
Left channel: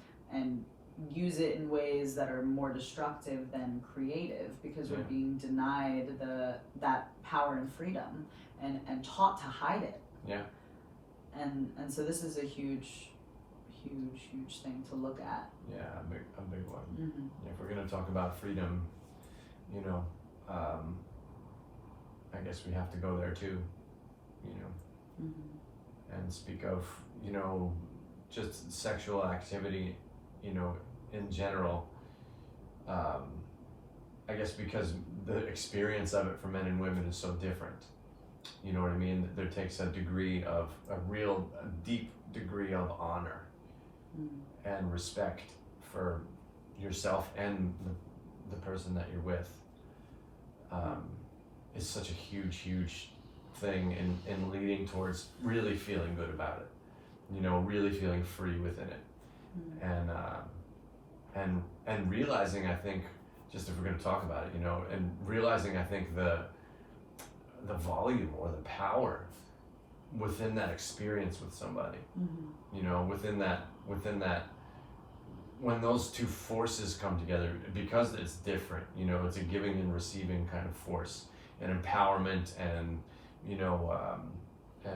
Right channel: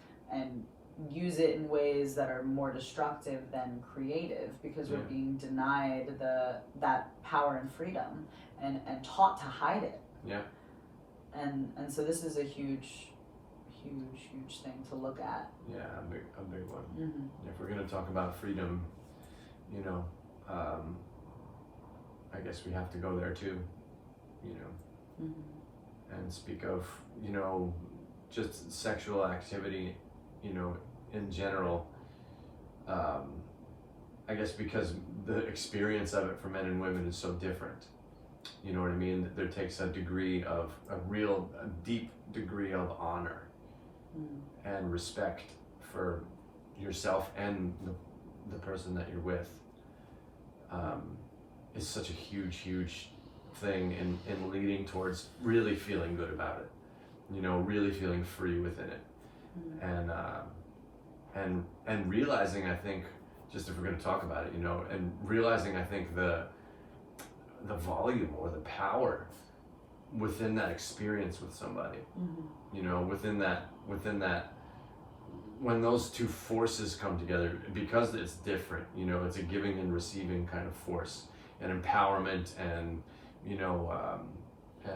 use it in ways that are more destructive than creative, because we're being denied that power and freedom and taught to hide it. Yeah. And so this is a huge thing to look at. Yeah, a big one. Mm-hmm. Yeah, if we're gonna talk about freedom, you know, I guess we have to go there too, you know, and speak of, you know, just sexual activity, you know, in general. I guess because the experience of it for men and women is so different. You know what I mean? There takes a deep degree of honor and respect for yourself and the person that you're with. Is such a huge thing in leading towards really feeling good about it. You know, really feeling free within it. And realizing, I think, just if we're going to talk about it, you know, and realizing, I think, the volume or the power within that experience with somebody, you know, within that when those two forces come together, because it's different, you know, it's a giving and receiving kind of force, and empowerment, and you know, I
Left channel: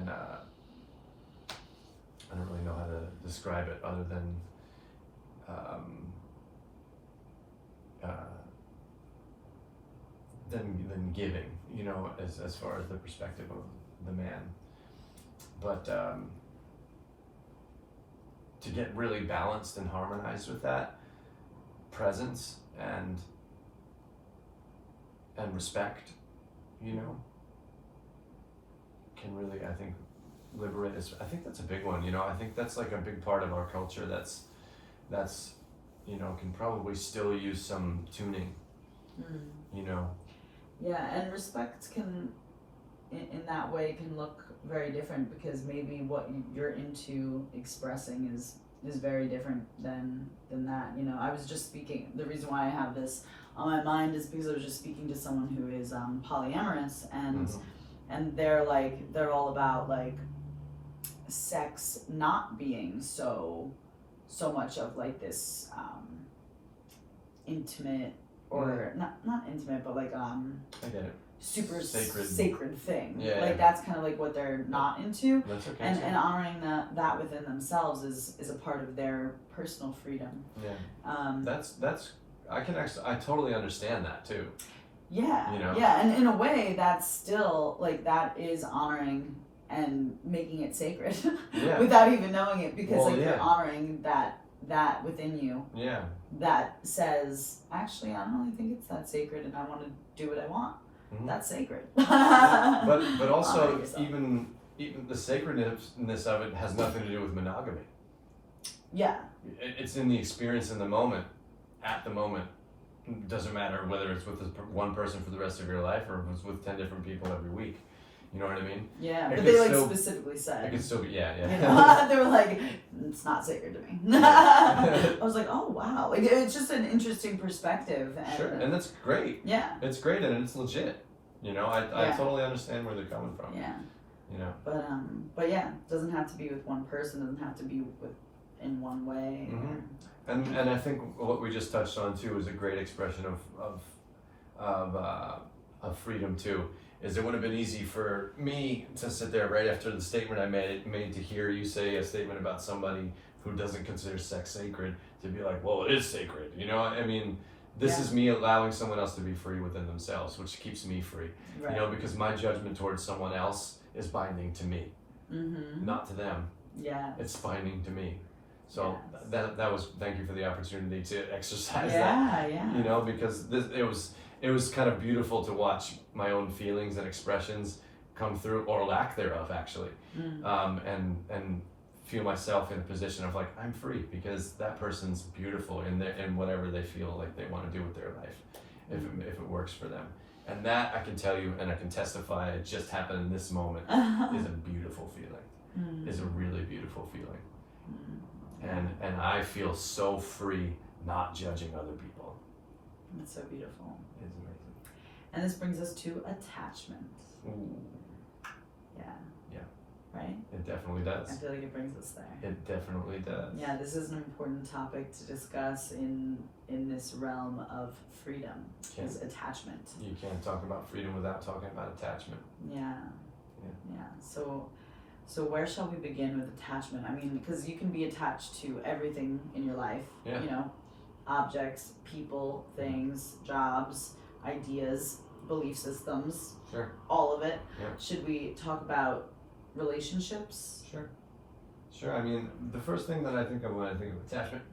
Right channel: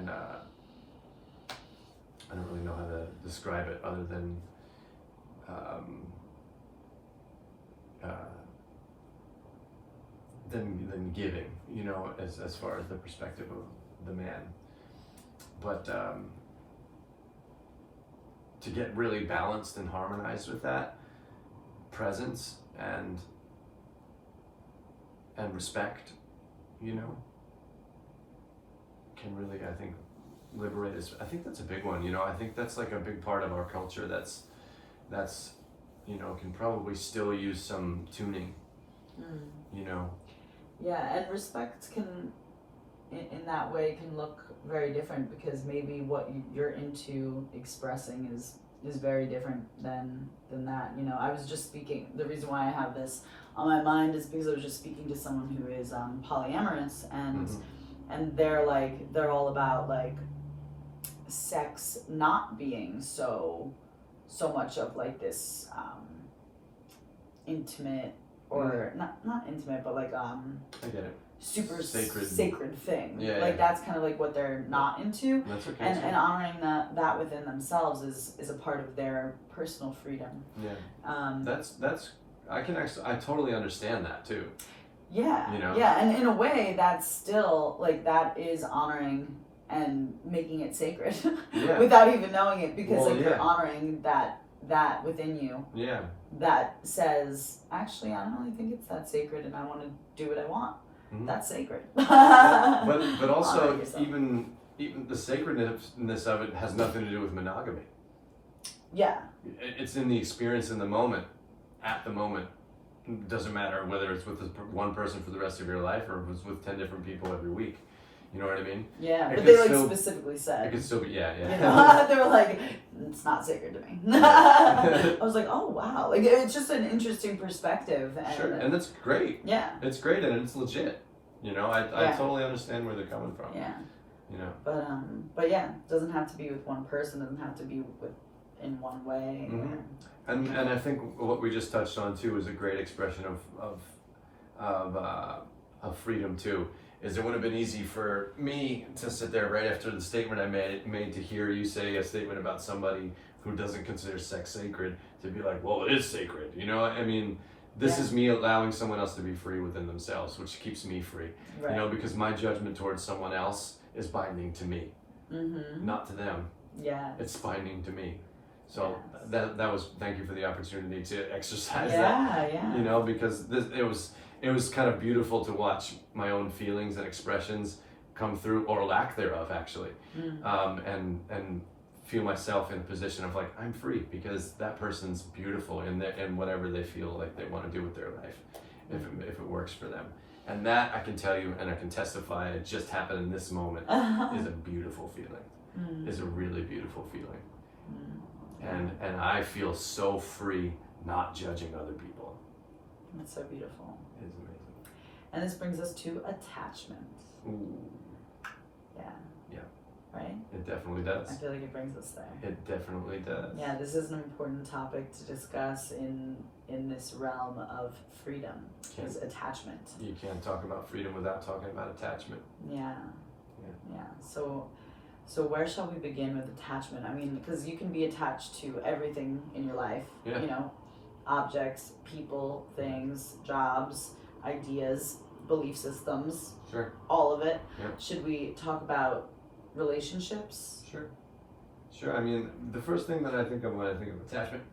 don't really know how to describe it other than than giving, you know, as far as the perspective of the man. But to get really balanced and harmonized with that presence and respect, you know, can really, I think, liberate us. I think that's a big one, you know. I think that's like a big part of our culture that's you know, can probably still use some tuning, you know. Yeah, and respect can, in that way, can look very different, because maybe what you're into expressing is very different than that. You know, I was just speaking, the reason why I have this on my mind is because I was just speaking to someone who is polyamorous, and they're all about like sex not being so much of like this intimate, or not intimate, but like I get it. super Sacred thing. Yeah, like yeah. that's kind of like what they're not into. That's okay. And honoring that within themselves is a part of their personal freedom. Yeah. That's I totally understand that too. Yeah. You know? Yeah, and in a way that's still like, that is honoring and making it sacred Yeah. without even knowing it, because Well, like yeah. you're honoring that within you. Yeah. That says, actually, I don't really think it's that sacred, and I want to do what I want. Mm-hmm. That's sacred. Yeah. But also Honor yourself. even the sacredness of it has nothing to do with monogamy. Yeah. It's in the experience in the moment, at the moment. It doesn't matter whether it's with one person for the rest of your life or if it's with 10 different people every week. You know what I mean? Yeah, It but could they like still- specifically said. It could still be, yeah. You know, they were like, it's not sacred to me. I was like, oh wow, like it's just an interesting perspective. And, Sure, and that's great. yeah, It's great and it's legit. You know, I Yeah. totally understand where they're coming from. yeah, You know. but yeah, it doesn't have to be with one person. It doesn't have to be with in one way. Mhm. And I think what we just touched on too is a great expression of freedom too. Is it would have been easy for me to sit there right after the statement I made to hear you say a statement about somebody who doesn't consider sex sacred to be like, well, it is sacred. You know, I mean, this Yeah. is me allowing someone else to be free within themselves, which keeps me free. Right. You know, because my judgment towards someone else is binding to me, Mm-hmm. not to them. Yeah. It's binding to me. So Yes. that was, thank you for the opportunity to exercise that. Yeah. Yeah. You know, because it was kind of beautiful to watch my own feelings and expressions come through, or lack thereof, actually, and feel myself in a position of like, I'm free because that person's beautiful in whatever they feel like they want to do with their life, if it works for them. And that I can tell you, and I can testify, it just happened in this moment, is a beautiful feeling. Is a really beautiful feeling. And I feel so free not judging other people. That's so beautiful. It's amazing. And this brings us to attachment. Ooh, Yeah. Yeah. Right? it definitely does. I feel like it brings us there. It definitely does. Yeah, this is an important topic to discuss in this realm of freedom, is attachment. You can't talk about freedom without talking about attachment. Yeah. So where shall we begin with attachment? I mean, because you can be attached to everything in your life. Yeah. You know, objects, people, things, jobs, ideas, belief systems, Sure. all of it. Yeah. Should we talk about relationships? Sure. I mean, the first thing that I think of when I think of attachment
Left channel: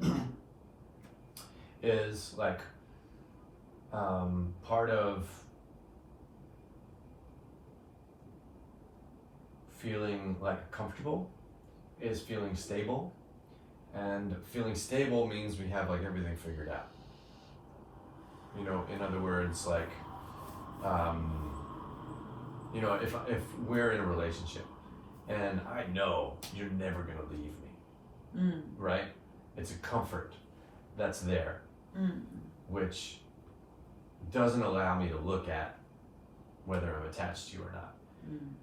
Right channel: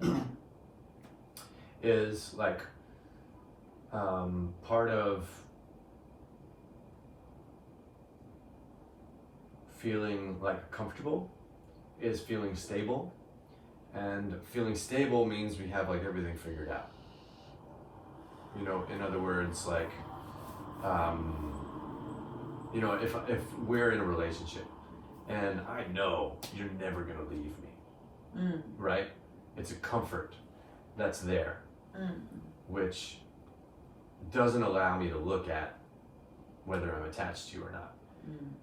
is like part of feeling like comfortable is feeling stable, and feeling stable means we have like everything figured out. You know, in other words, like you know, if we're in a relationship and I know you're never gonna leave me, right? It's a comfort that's there, which doesn't allow me to look at whether I'm attached to you or not.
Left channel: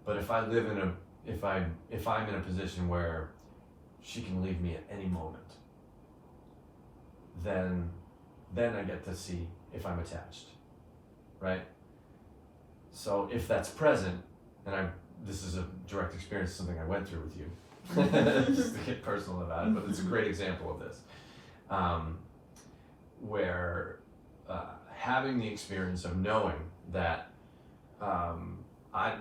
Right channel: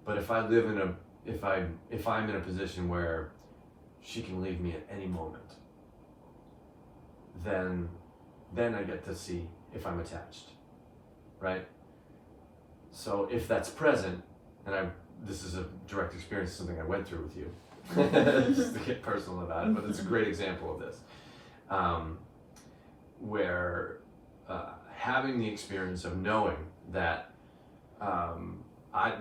But if I live in a, if I'm in a position where she can leave me at any moment, then I get to see if I'm attached, right? So if that's present, and this is a direct experience, something I went through with you, just to get personal about it, but it's a great example of this, where having the experience of knowing that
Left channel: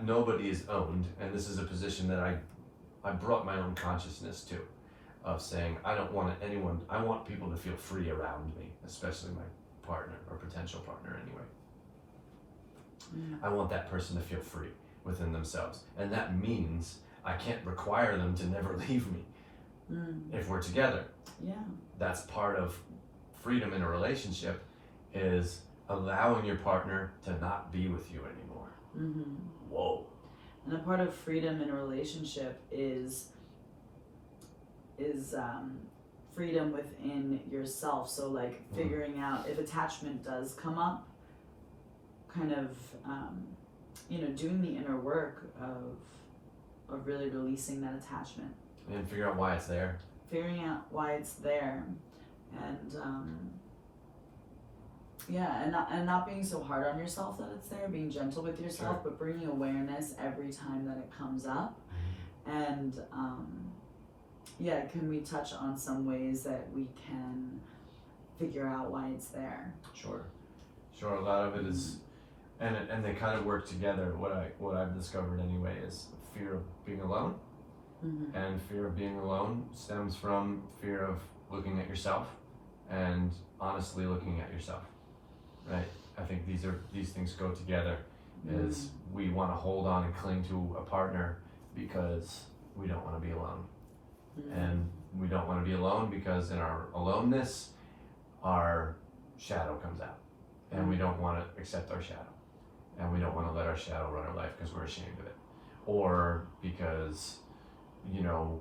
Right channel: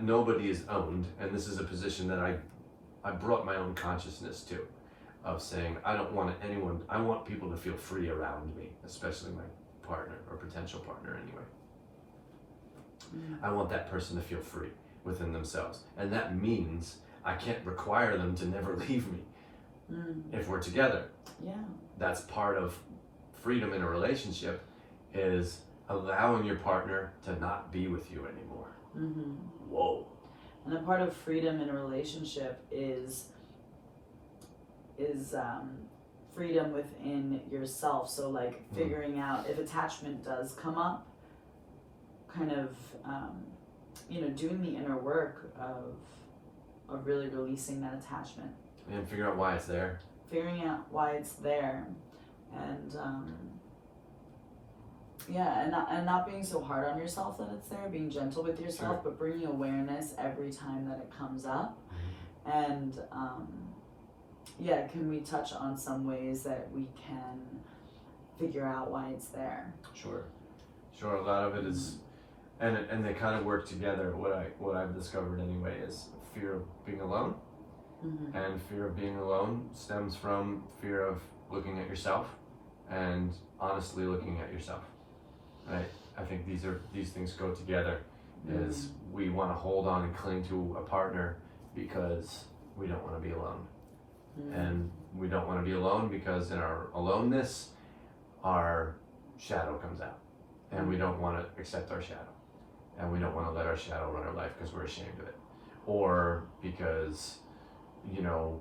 nobody is owned, and this is a position that I brought my own consciousness to, of saying I don't want anyone, I want people to feel free around me, especially my partner or potential partner anyway. I want that person to feel free within themselves, and that means I can't require them to never leave me if we're together. Yeah. That's part of freedom in a relationship, is allowing your partner to not be with you anymore. Whoa. And a part of freedom in a relationship is freedom within yourself. So like figuring out if attachment does come up, kind of doing the inner work of really releasing that attachment and figure out why it's there. Figuring out why it's there, and and not being so hard on yourself that it's there, being gentle with yourself, Sure. but bringing awareness every time that it comes up. And can we touch on some ways that we can figure out why it's there? Sure. A lot of it is, and they kind of work together. What I've discovered anyway is fear of being alone, and fear of being alone stems from fear of looking at yourself, and honestly looking at yourself. Right? I think these things go together. Is we want to hold on and cling to a partner because we don't want to be alone. And we don't want to be alone because in our aloneness, our shadow comes out. And we don't want to accept our shadow. And we don't want to let our shadow run our life because we're ashamed of it. Or because,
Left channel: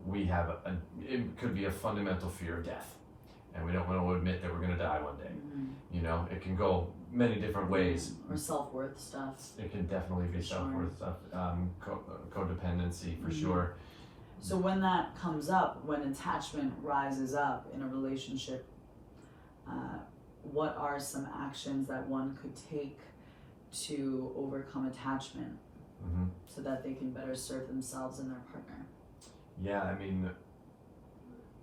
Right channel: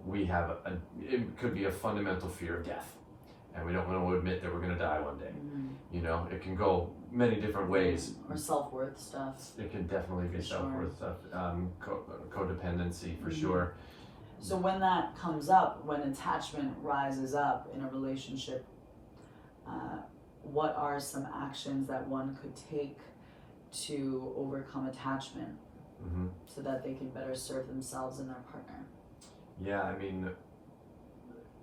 we have it could be a fundamental fear of death. And we don't want to admit that we're going to die one day. It can go many different ways. Or self-worth stuff. It can definitely be self-worth stuff, codependency for sure. So when that comes up, when attachment rises up in a relationship, what are some actions that one could take to overcome attachment so that they can better serve themselves and their partner? Yeah, I mean,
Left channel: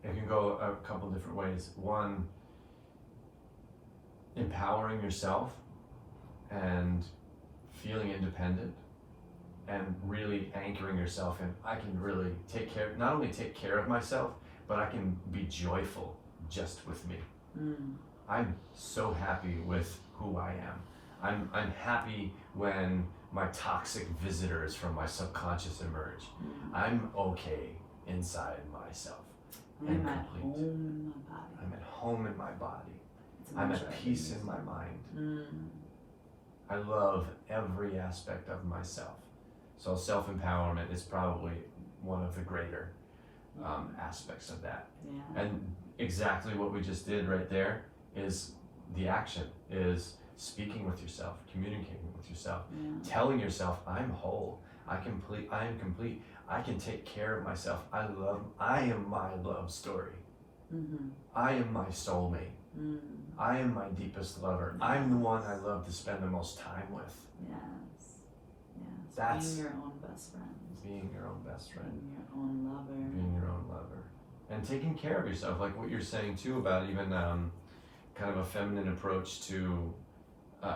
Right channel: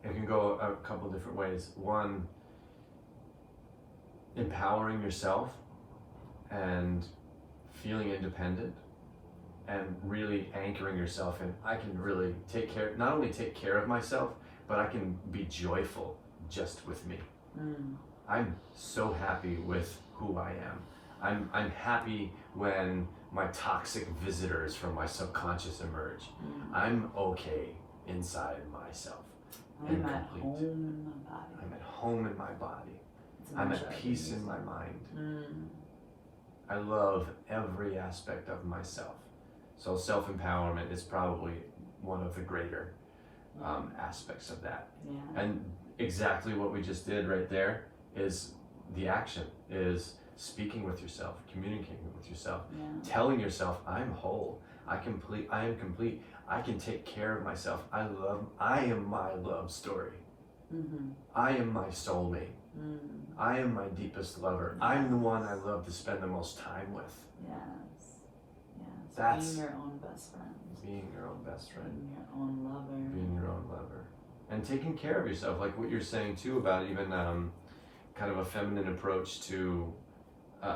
it can go a couple different ways. One, empowering yourself and feeling independent and really anchoring yourself in, I can really not only take care of myself, but I can be joyful just with me. I'm so happy with who I am. I'm happy when my toxic visitors from my subconscious emerge. I'm okay inside myself. I'm at home in my body. I'm at home in my body. I'm at peace in my mind. I love every aspect of myself. So self-empowerment is probably one of the greater aspects of that. Yeah. And exactly what we just did right there is the action, is speaking with yourself, communicating with yourself, telling yourself, I'm whole, I am complete, I can take care of myself, I am my love story. I am my soulmate. I am my deepest lover. I'm the one I love to spend the most time with. Yes. That's being your own best friend. Being your own best friend. Being your own lover. Being your own lover. And taking care of yourself, like what you're saying too about even kind of a feminine approach to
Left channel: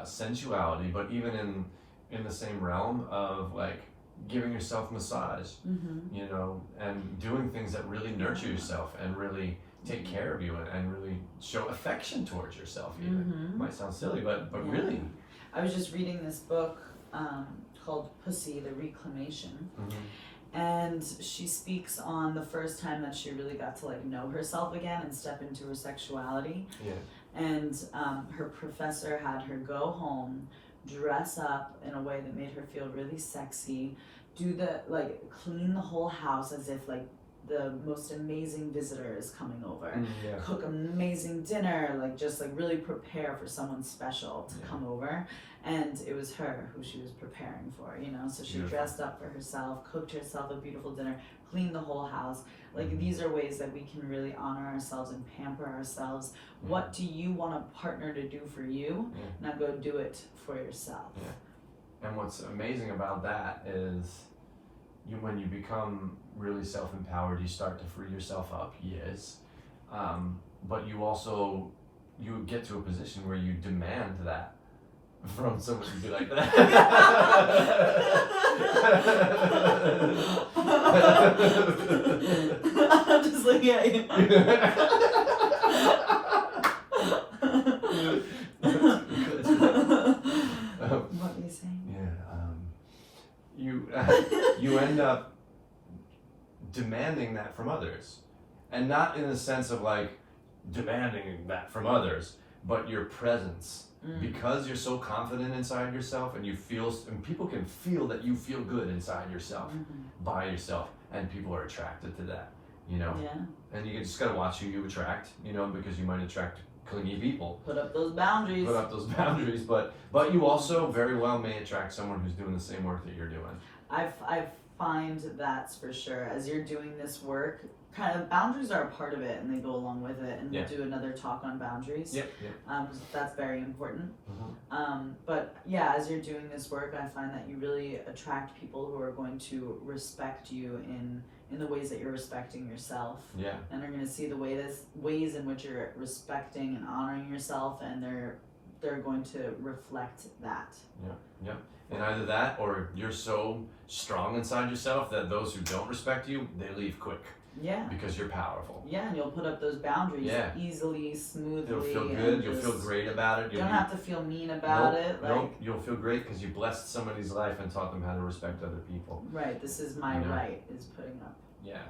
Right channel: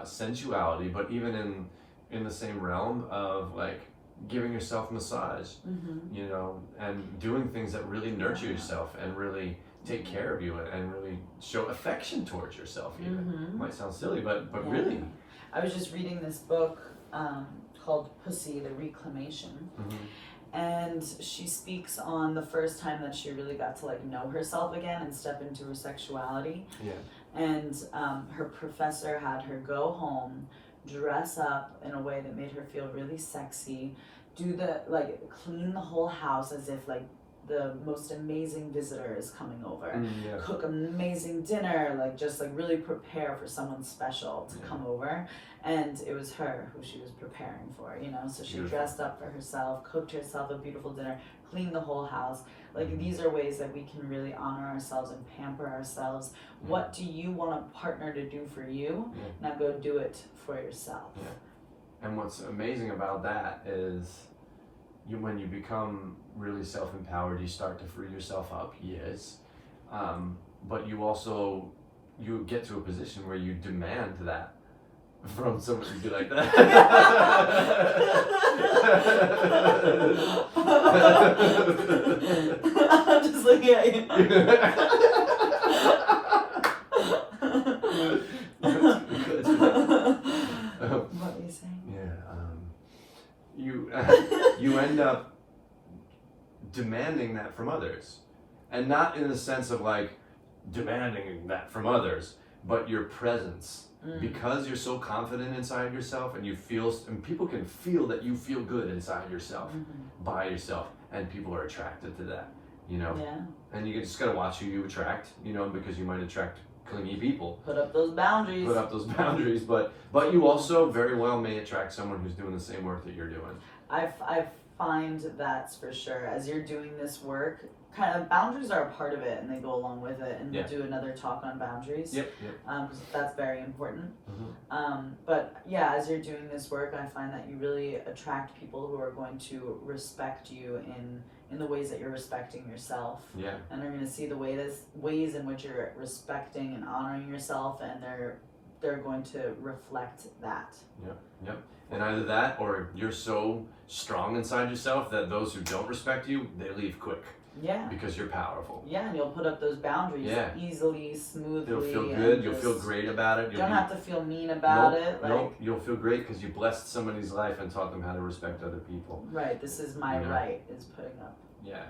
sensuality, but even in the same realm of like giving yourself massage, and doing things that really nurture yourself and really take care of you and really show affection towards yourself even. It might sound silly, but really. I was just reading this book called Pussy, The Reclamation. And she speaks on the first time that she really got to like know herself again and step into her sexuality. And her professor had her go home, dress up in a way that made her feel really sexy, clean the whole house as if like the most amazing visitor is coming over, cook amazing dinner, just really prepare for someone special to come over. And it was her who she was preparing for, so she dressed up for herself, cooked herself a beautiful dinner, cleaned the whole house, Like these are ways that we can really honor ourselves and pamper ourselves. What do you want a partner to do for you? Now go do it for yourself. And what's amazing about that is when you become really self-empowered, you start to free yourself up, yes. But you also, you get to a position where you demand that from someone to be like that. I'm just looking at you. What were you saying? You end up demanding that from others, and not in the sense of like demanding that from others, but your presence. Because you're so confident inside yourself, and you feel, and people can feel that you feel good inside yourself, by yourself, and people are attracted to that, you know. And you just gotta watch who you attract, you know, because you might attract clingy people. Put up those boundaries. But you also very well may attract someone who's doing the same work that you're doing. I find that's for sure. As you're doing this work, kind of boundaries are a part of it, and they go along with it. And we'll do another talk on boundaries. Because that's very important. But yeah, as you're doing this work, I find that you really attract people who are going to respect you in the ways that you're respecting yourself. And they're going to see the ways in which you're respecting and honoring yourself, and they're going to reflect that. And either that, or you're so strong inside yourself that those who don't respect you, they leave quick. Because you're powerful. And you'll put up those boundaries easily, smoothly. You'll feel good. You'll feel great about it. You don't have to feel mean about it. You'll feel great because you blessed somebody's life and taught them how to respect other people. Right. This is my right. Is putting up.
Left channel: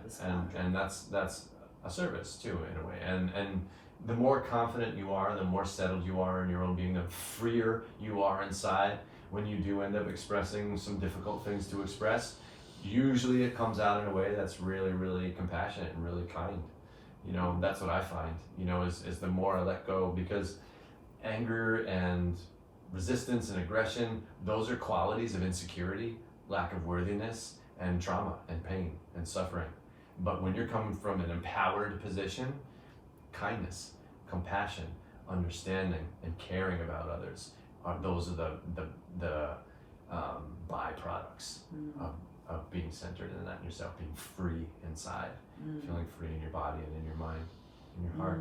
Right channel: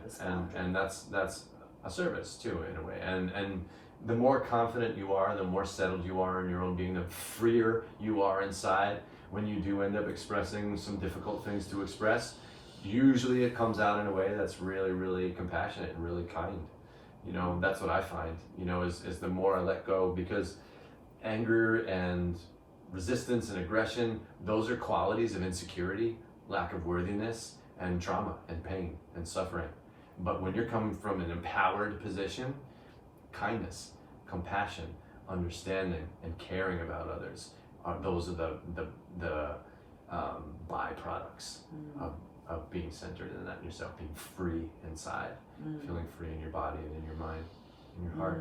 This boundary. And that's a service too, in a way. And the more confident you are, the more settled you are in your own being, the freer you are inside. When you do end up expressing some difficult things to express, usually it comes out in a way that's really, really compassionate and really kind. You know, that's what I find, you know, is the more I let go, because anger and resistance and aggression, those are qualities of insecurity, lack of worthiness, and trauma and pain and suffering. But when you're coming from an empowered position, kindness, compassion, understanding, and caring about others, those are the byproducts of being centered in that in yourself, being free inside, feeling free in your body and in your mind, in your heart.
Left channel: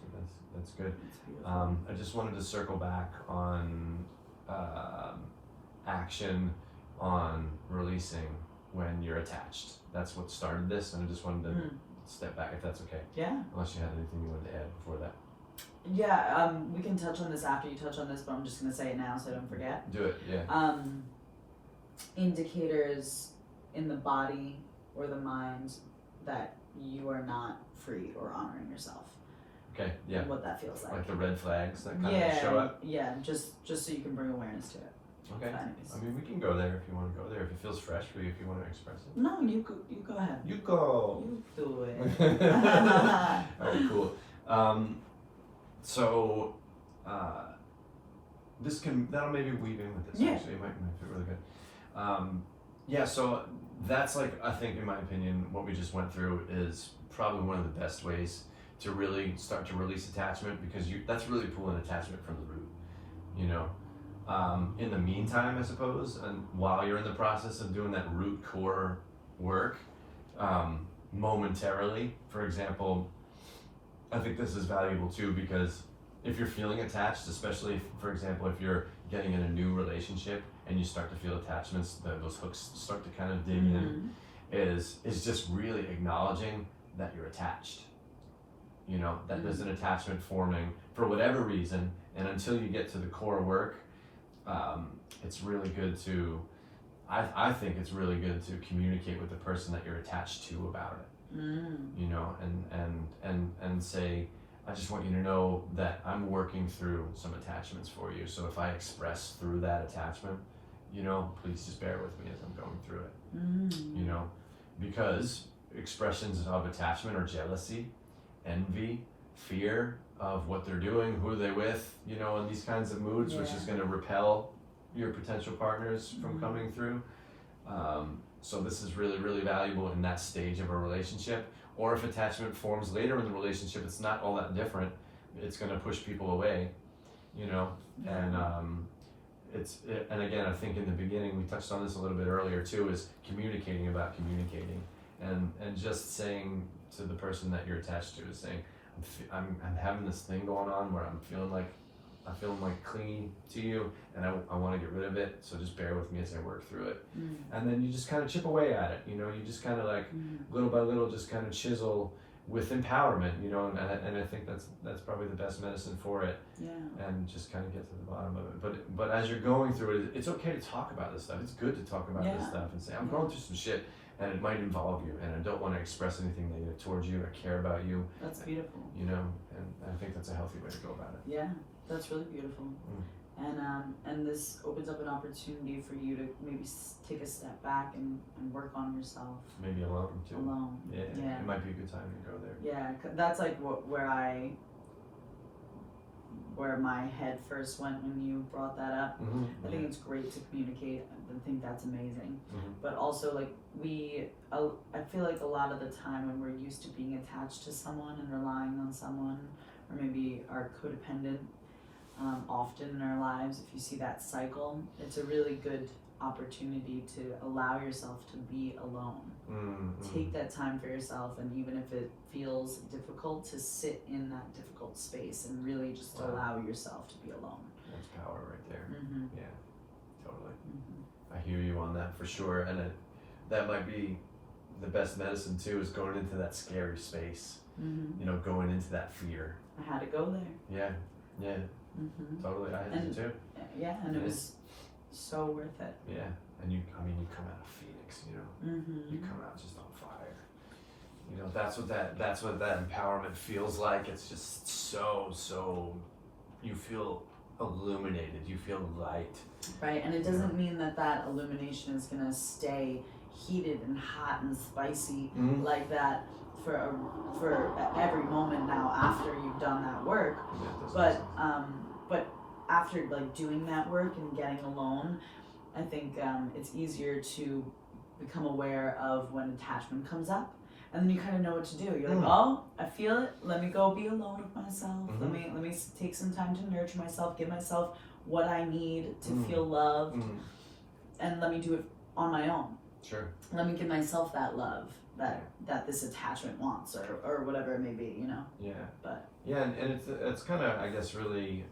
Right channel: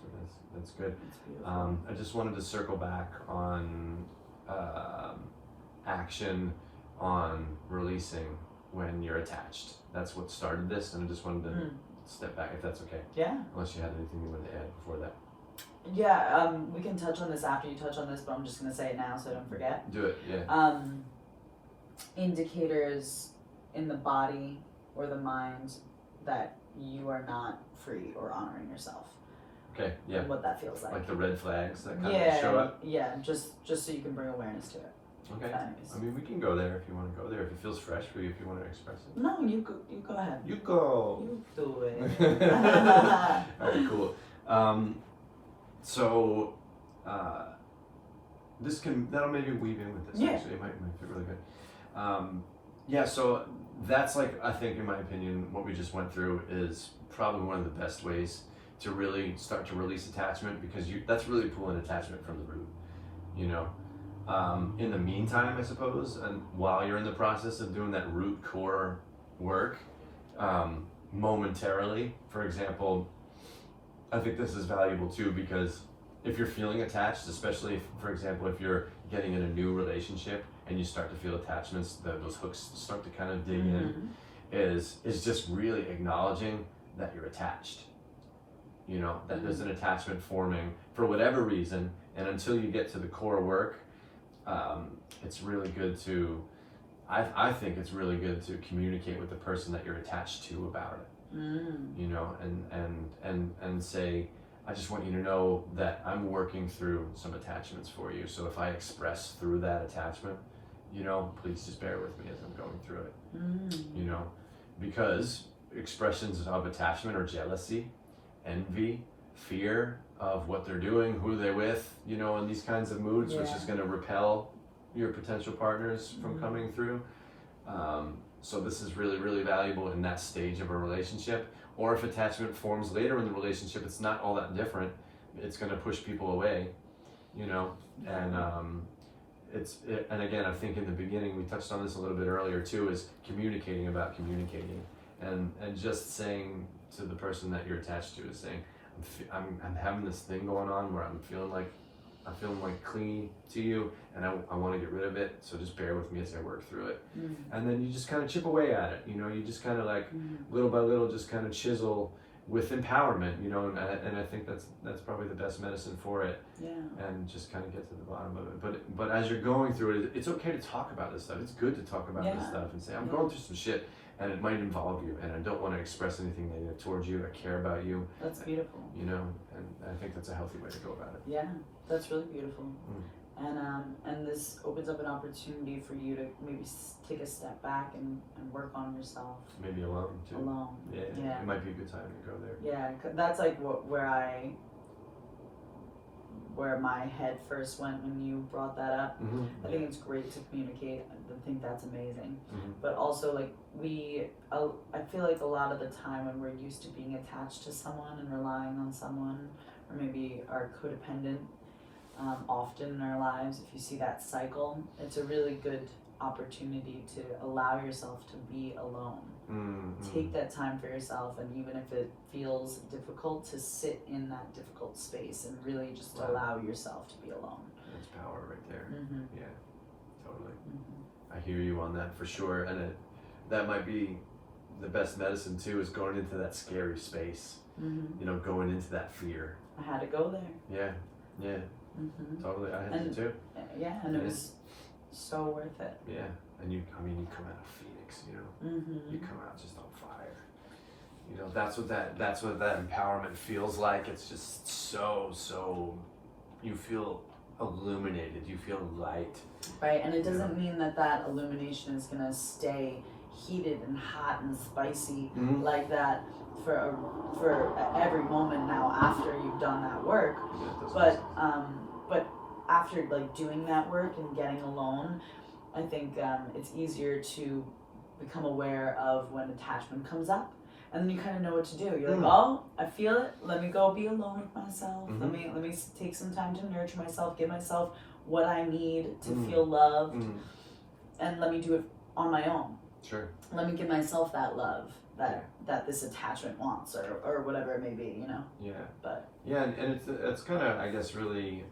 So that's good. I just wanted to circle back on action on releasing when you're attached. That's what started this, and I just wanted to step back, if that's okay. Unless you had anything you wanted to add before that. We can touch on this after you touch on this, but I'm just going to say it now so I don't forget. Do it, Indicators in the body or the mind that you are not free or honoring yourself. Okay, And what that feels like. Like the red flags that kind of show up? Just so you can bring awareness to it. Okay. I mean, we can go there if you want to go there, if it feels fresh for you, if you want to express it. No, you go ahead. You go. You do it. Alright, cool. So, that'll maybe weave in with this, actually. It might fit really good. So that's, like, I think, in my opinion, what we just went through is probably one of the best ways to really start to release attachment, because that's really pulling attachment from the root, you know. In the meantime, I suppose, and while you're in the process of doing that root core work, momentarily, for example, I think this is valuable too, because if you're feeling attached, especially if, for example, if you're getting in a new relationship and you start to feel attachments, those hooks start to kind of dig in, is just really acknowledging that you're attached. You know, that there's an attachment forming for whatever reason, and until you get to the core work, it's really good to, I think it's really good to communicate with the person that you're attached to about it. You know, and say, I just want you to know that I'm working through some attachments for you. So if I express through that attachment, you know, please just bear with me as I'm going through it. You know, because expressions of attachment are jealousy, envy, fear of what they're doing, who they're with, you know, in these kinds of moods, which is going to repel your potential partners from coming through. So this is really, really valuable in that stage of a relationship. Or if attachment forms later in the relationship, it's not all that different. It's going to push people away, you know, and and again, I think in the beginning, we touched on this a little bit earlier too, is communicating about communicating, and just saying to the person that you're attached to, is saying, I'm having this thing going on where I'm feeling like clingy to you, and I want to get rid of it, so just bear with me as I work through it. And then you just kind of chip away at it, you know, you just kind of like little by little just kind of chisel with empowerment, you know, and I think that's probably the best medicine for it. And just kind of get to the bottom of it. But as you're going through it, it's okay to talk about this stuff. It's good to talk about this stuff and say, I'm going through some shit, and it might involve you, and I don't want to express anything negative towards you. I care about you. That's beautiful. You know, and I think that's a healthy way to go about it. Yeah, that's really beautiful. And this opens up an opportunity for you to maybe take a step back and work on yourself. Maybe alone too. Alone. Yeah. It might be a good time to go there. Yeah, that's like where my head first went when you brought that up. I think it's great to communicate. I think that's amazing. But also, like, I feel like a lot of the time when we're used to being attached to someone and relying on someone, or maybe are codependent often in our lives, if you see that cycle, it's a really good opportunity to allow yourself to be alone. Take that time for yourself, and even if it feels difficult, to sit in that difficult space and really just allow yourself to be alone. That's power right there. Yeah, totally. I hear you on that for sure, and that might be the best medicine too, is going into that scary space. You know, going into that fear. I had to go there. Yeah. Totally, I had to too. Yeah, and it was so worth it. Yeah, and you come out a phoenix, you know. You come out just on fire. You know, that's what that empowerment feels like. It's just so you feel illuminated, you feel light. Right, and it doesn't mean that illumination is gonna stay heated and hot and spicy like that for every moment now after you've done that work. But after like doing that work and getting alone, I think it's easier to become aware of when attachment comes up, and then you kind of know what to do. You're like, oh, I feel it. Let me go be alone with myself. Let me take some time to nurture myself, give myself what I need to feel loved, and let me do it on my own. Sure. Let me give myself that love that this attachment wants, or whatever it may be, you know. Yeah. But yeah, and it's kind of, I guess, really.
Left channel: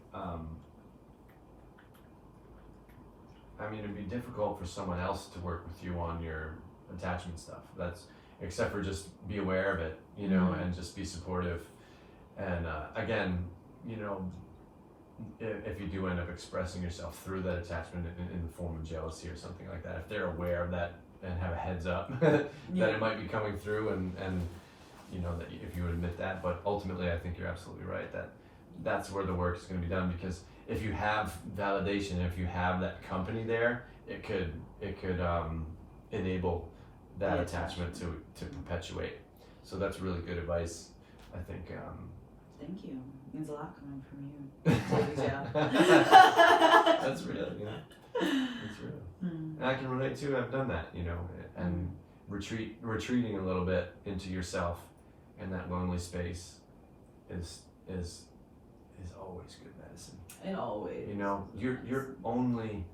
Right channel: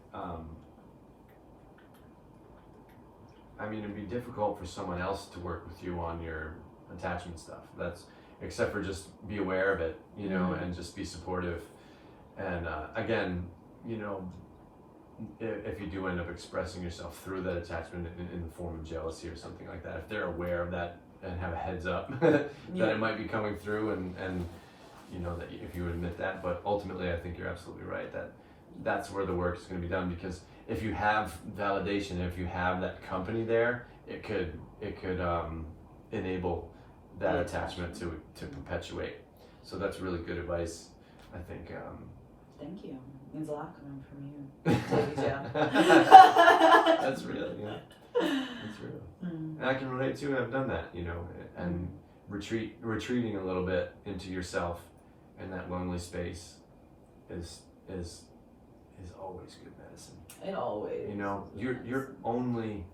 I mean, it'd be difficult for someone else to work with you on your attachment stuff. That's, except for just be aware of it, you know, and just be supportive. And again, you know, if you do end up expressing yourself through that attachment in the form of jealousy or something like that, if they're aware of that and have a heads up that it might be coming through, and you know, that if you admit that. But ultimately, I think you're absolutely right that that's where the work is going to be done, because if you have validation, if you have that company there, it could enable that attachment to perpetuate. So that's really good advice, I think. Thank you. It means a lot coming from you. That's real, you know. It's real. And I can relate to it. I've done that, you know, and retreating a little bit into yourself in that lonely space is always good medicine. It always. You know, you're only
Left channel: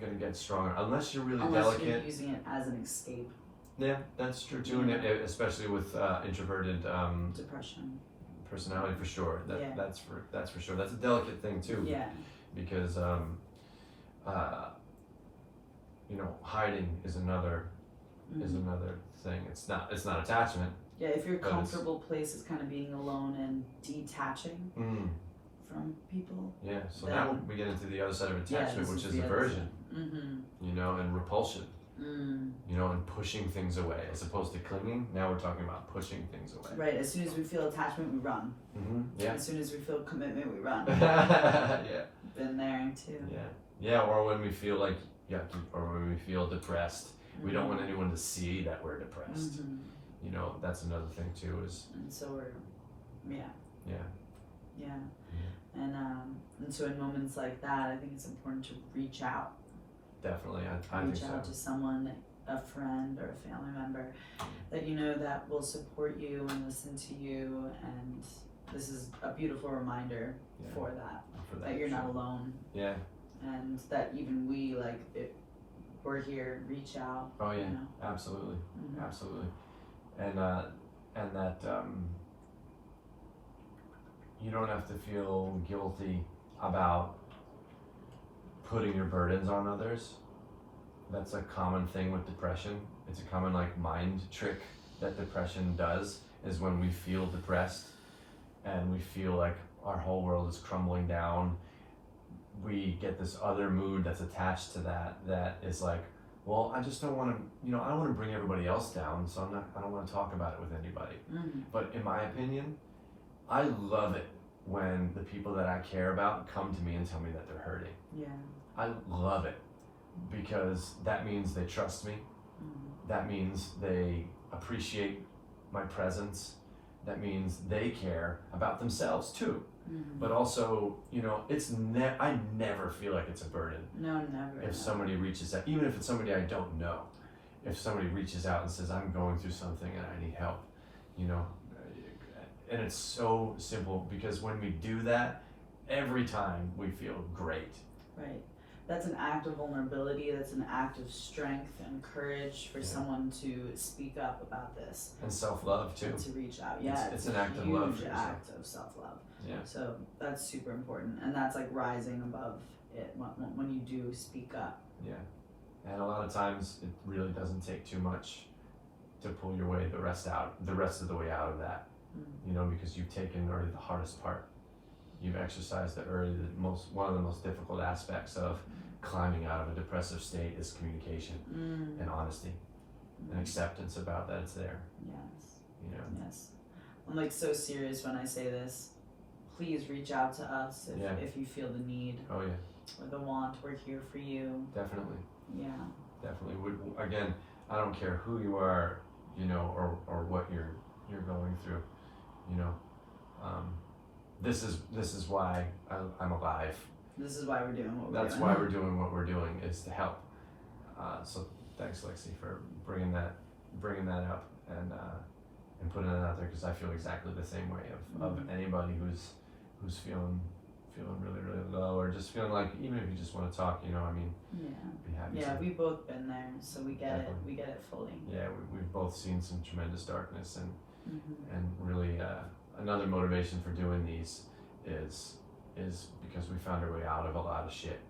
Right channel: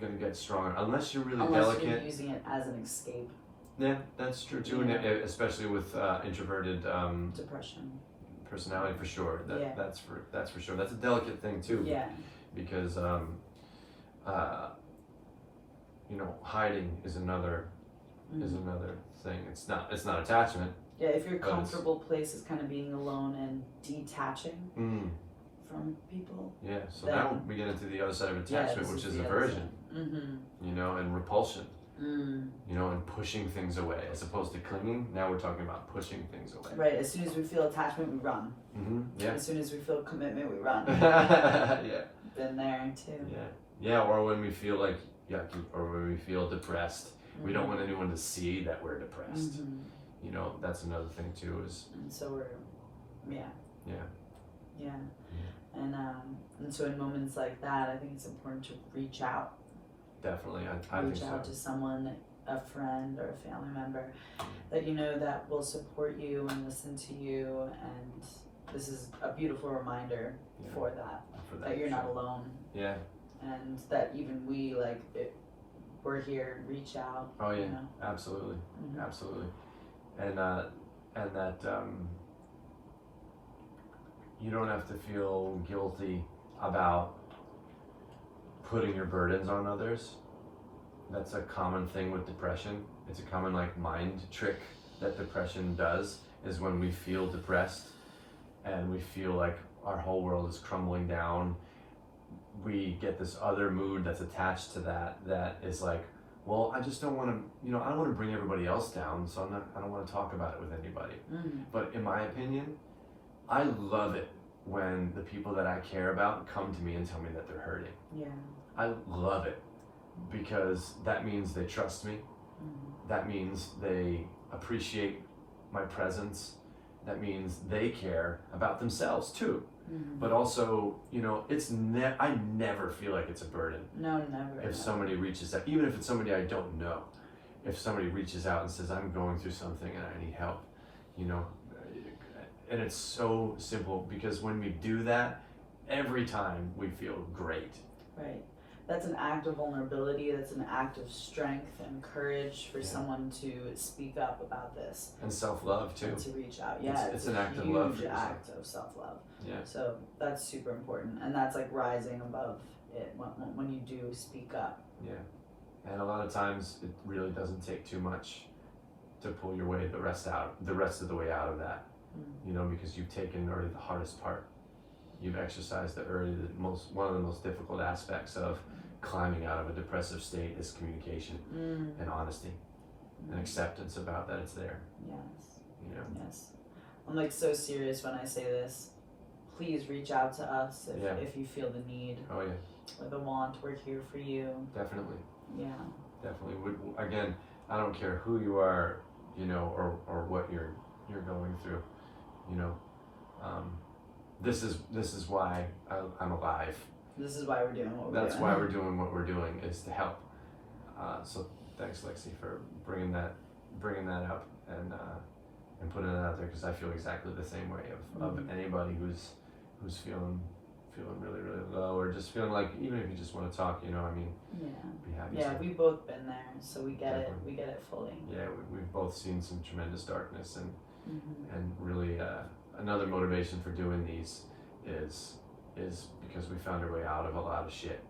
gonna get stronger unless you're really unless delicate. You're using it as an escape. Yeah, that's true too, and especially with introverted depression personality, for sure. That's for sure. That's a delicate thing too. Yeah. Because you know, hiding is another thing. It's not attachment. Yeah, if your comfortable place is kind of being alone and detaching from people. Yeah, so now we get into the other side of attachment, which is aversion. You know, and repulsion. You know, and pushing things away as opposed to clinging. Now we're talking about pushing things away. Right. As soon as we feel attachment, we run. Yeah. As soon as we feel commitment, we run. Yeah. Been there too. Yeah. Yeah. Or when we feel like yucky, or when we feel depressed, we don't want anyone to see that we're depressed. You know, that's another thing too. And so we're, yeah. And so in moments like that, I think it's important to reach out. Definitely, I think so. Reach out to someone a friend or a family member that you know that will support you and listen to you, and this is a beautiful reminder for that you're not alone. Yeah. And that even we, like, we're here, reach out. Oh yeah, you know? absolutely, Mhm. absolutely, and that you don't have to feel guilty about putting your burdens on others. That's a common thing with depression. It's a common like mind trick that depression does, is when we feel depressed and we feel like our whole world is crumbling down, we get this other mood that's attached to that is like, well, I just don't want to, I don't want to bring everybody else down, so I don't want to talk about it with anybody. Mm-hmm. But in my opinion, I love it when the people that I care about come to me and tell me that they're hurting. Yeah. I love it because that means they trust me. Mm-hmm. That means they appreciate my presence. That means they care about themselves too. Mm-hmm. But also, I never feel like it's a burden. No, never. If somebody reaches out, even if it's somebody I don't know, if somebody reaches out and says, I'm going through something and I need help, and it's so simple because when we do that, every time we feel great. Right. That's an act of vulnerability. That's an act of strength and courage for someone to speak up about this. And self-love too. And to reach out. Yeah. It's an act of love for huge yourself. act of self-love. Yeah. So that's super important. And that's like rising above it when you do speak up. Yeah. And a lot of times it really doesn't take too much to pull your way the rest of the way out of that. Mm-hmm. Because you've taken already the hardest part. You've exercised it early. One of the most difficult aspects of climbing out of a depressive state is communication and honesty and acceptance about that it's there. Yes. Yes. I'm like so serious when I say this. Please reach out to us if you feel the need. Oh yeah. Or the want. We're here for you. Definitely. Yeah. Definitely. Again, I don't care who you are, or what you're going through. This is why I'm alive. This is why we're doing what we're doing. That's why we're doing what we're doing, is to help. So thanks, Lexi, for bringing that up and putting it out there, because I feel exactly the same way of anybody who's feeling really, really low, or just feeling like, even if you just want to talk, be happy. Yeah, we've both been there, so we get it. We get it fully. Yeah, we've both seen some tremendous darkness, and really another motivation for doing these is because we found our way out of a lot of shit,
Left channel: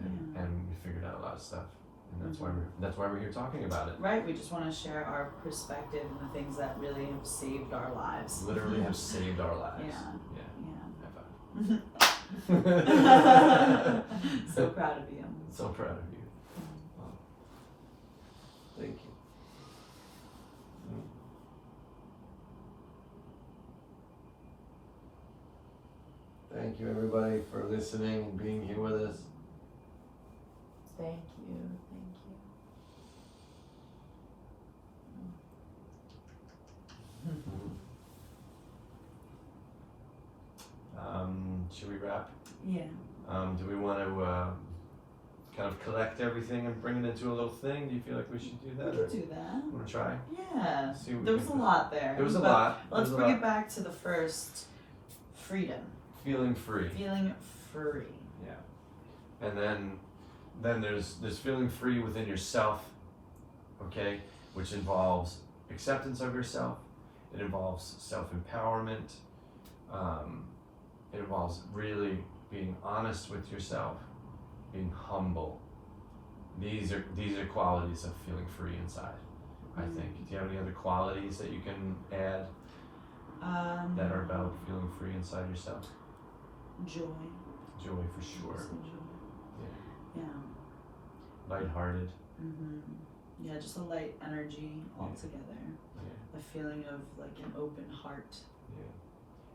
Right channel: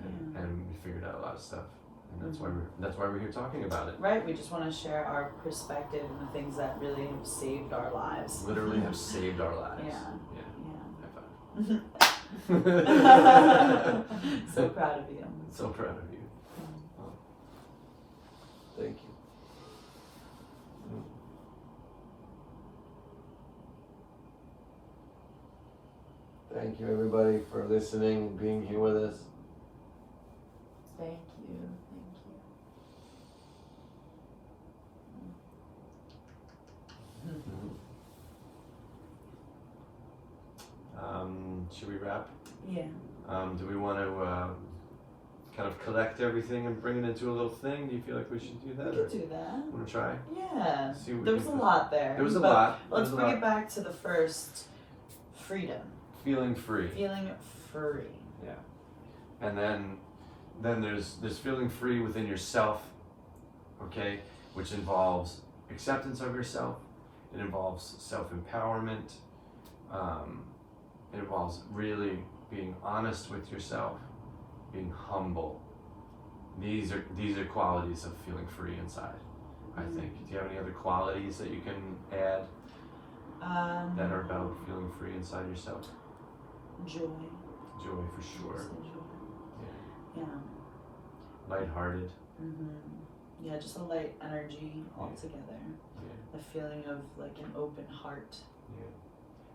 and we figured out a lot of stuff, and that's why we're here talking about it. Right, we just want to share our perspective and the things that really have saved our lives. Literally have saved our lives. Yeah. High five. So proud of you. So proud of you. Thank you. Thank you, everybody, for listening, being here with us. Thank you. Should we wrap? Yeah. Do we want to kind of collect everything and bring it into a little thing? Do you feel like we should do that? We could do that. Want to try? Yeah. There was a lot there. There was a lot. Let's bring it back to the first, freedom. Feeling free. Feeling free. Yeah. And then there's feeling free within yourself, okay, which involves acceptance of yourself. It involves self-empowerment. It involves really being honest with yourself, being humble. These are qualities of feeling free inside, I think. Do you have any other qualities that you can add that are about feeling free inside yourself? Joy. Joy, for sure. Yeah. Lighthearted. Yeah, just a light energy altogether. Yeah. A feeling of like an open heart. Yeah.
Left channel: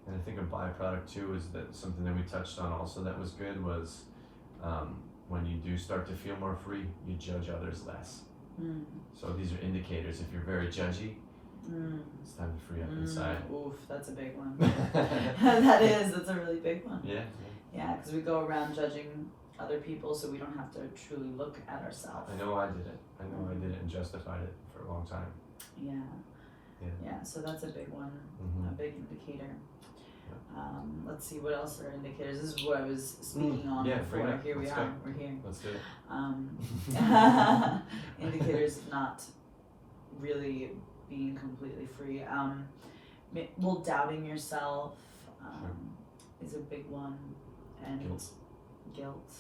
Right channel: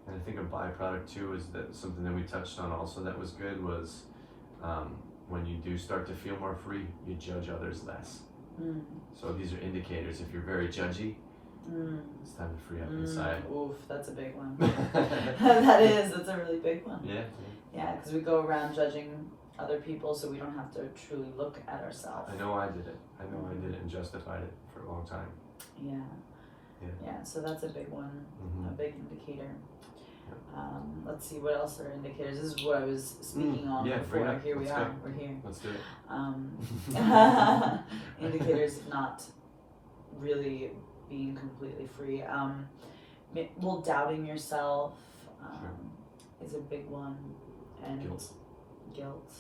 And I think a byproduct too is that something that we touched on also that was good was when you do start to feel more free, you judge others less. So these are indicators. If you're very judgy, it's time to free up inside. Oof, that's a big one. That's a really big one. Yeah. Yeah, because we go around judging other people so we don't have to truly look at ourselves. I know I did it. I know I did it and justified it for a long time. Yeah. Yeah. Yeah, so that's a big one, Mm-hmm. a big indicator. Let's see, what else are indicators? This is what I was speaking on yeah, before. bring it. Here we Let's are, go. we're here. Let's do it. Indicators of not really being completely free. Well, doubting yourself is a big one, and guilt.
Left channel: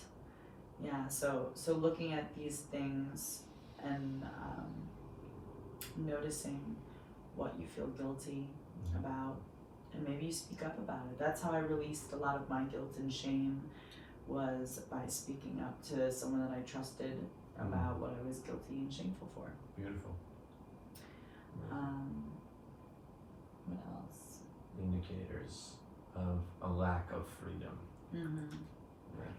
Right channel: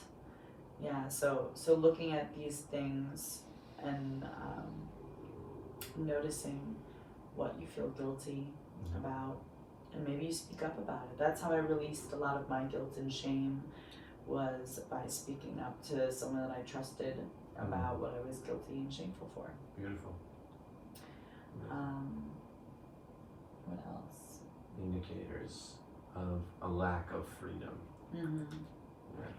Yeah, so looking at these things and noticing what you feel guilty about, and maybe you speak up about it. That's how I released a lot of my guilt and shame, was by speaking up to someone that I trusted about what I was guilty and shameful for. Beautiful. What else? Indicators of a lack of freedom. Mm-hmm. Yeah.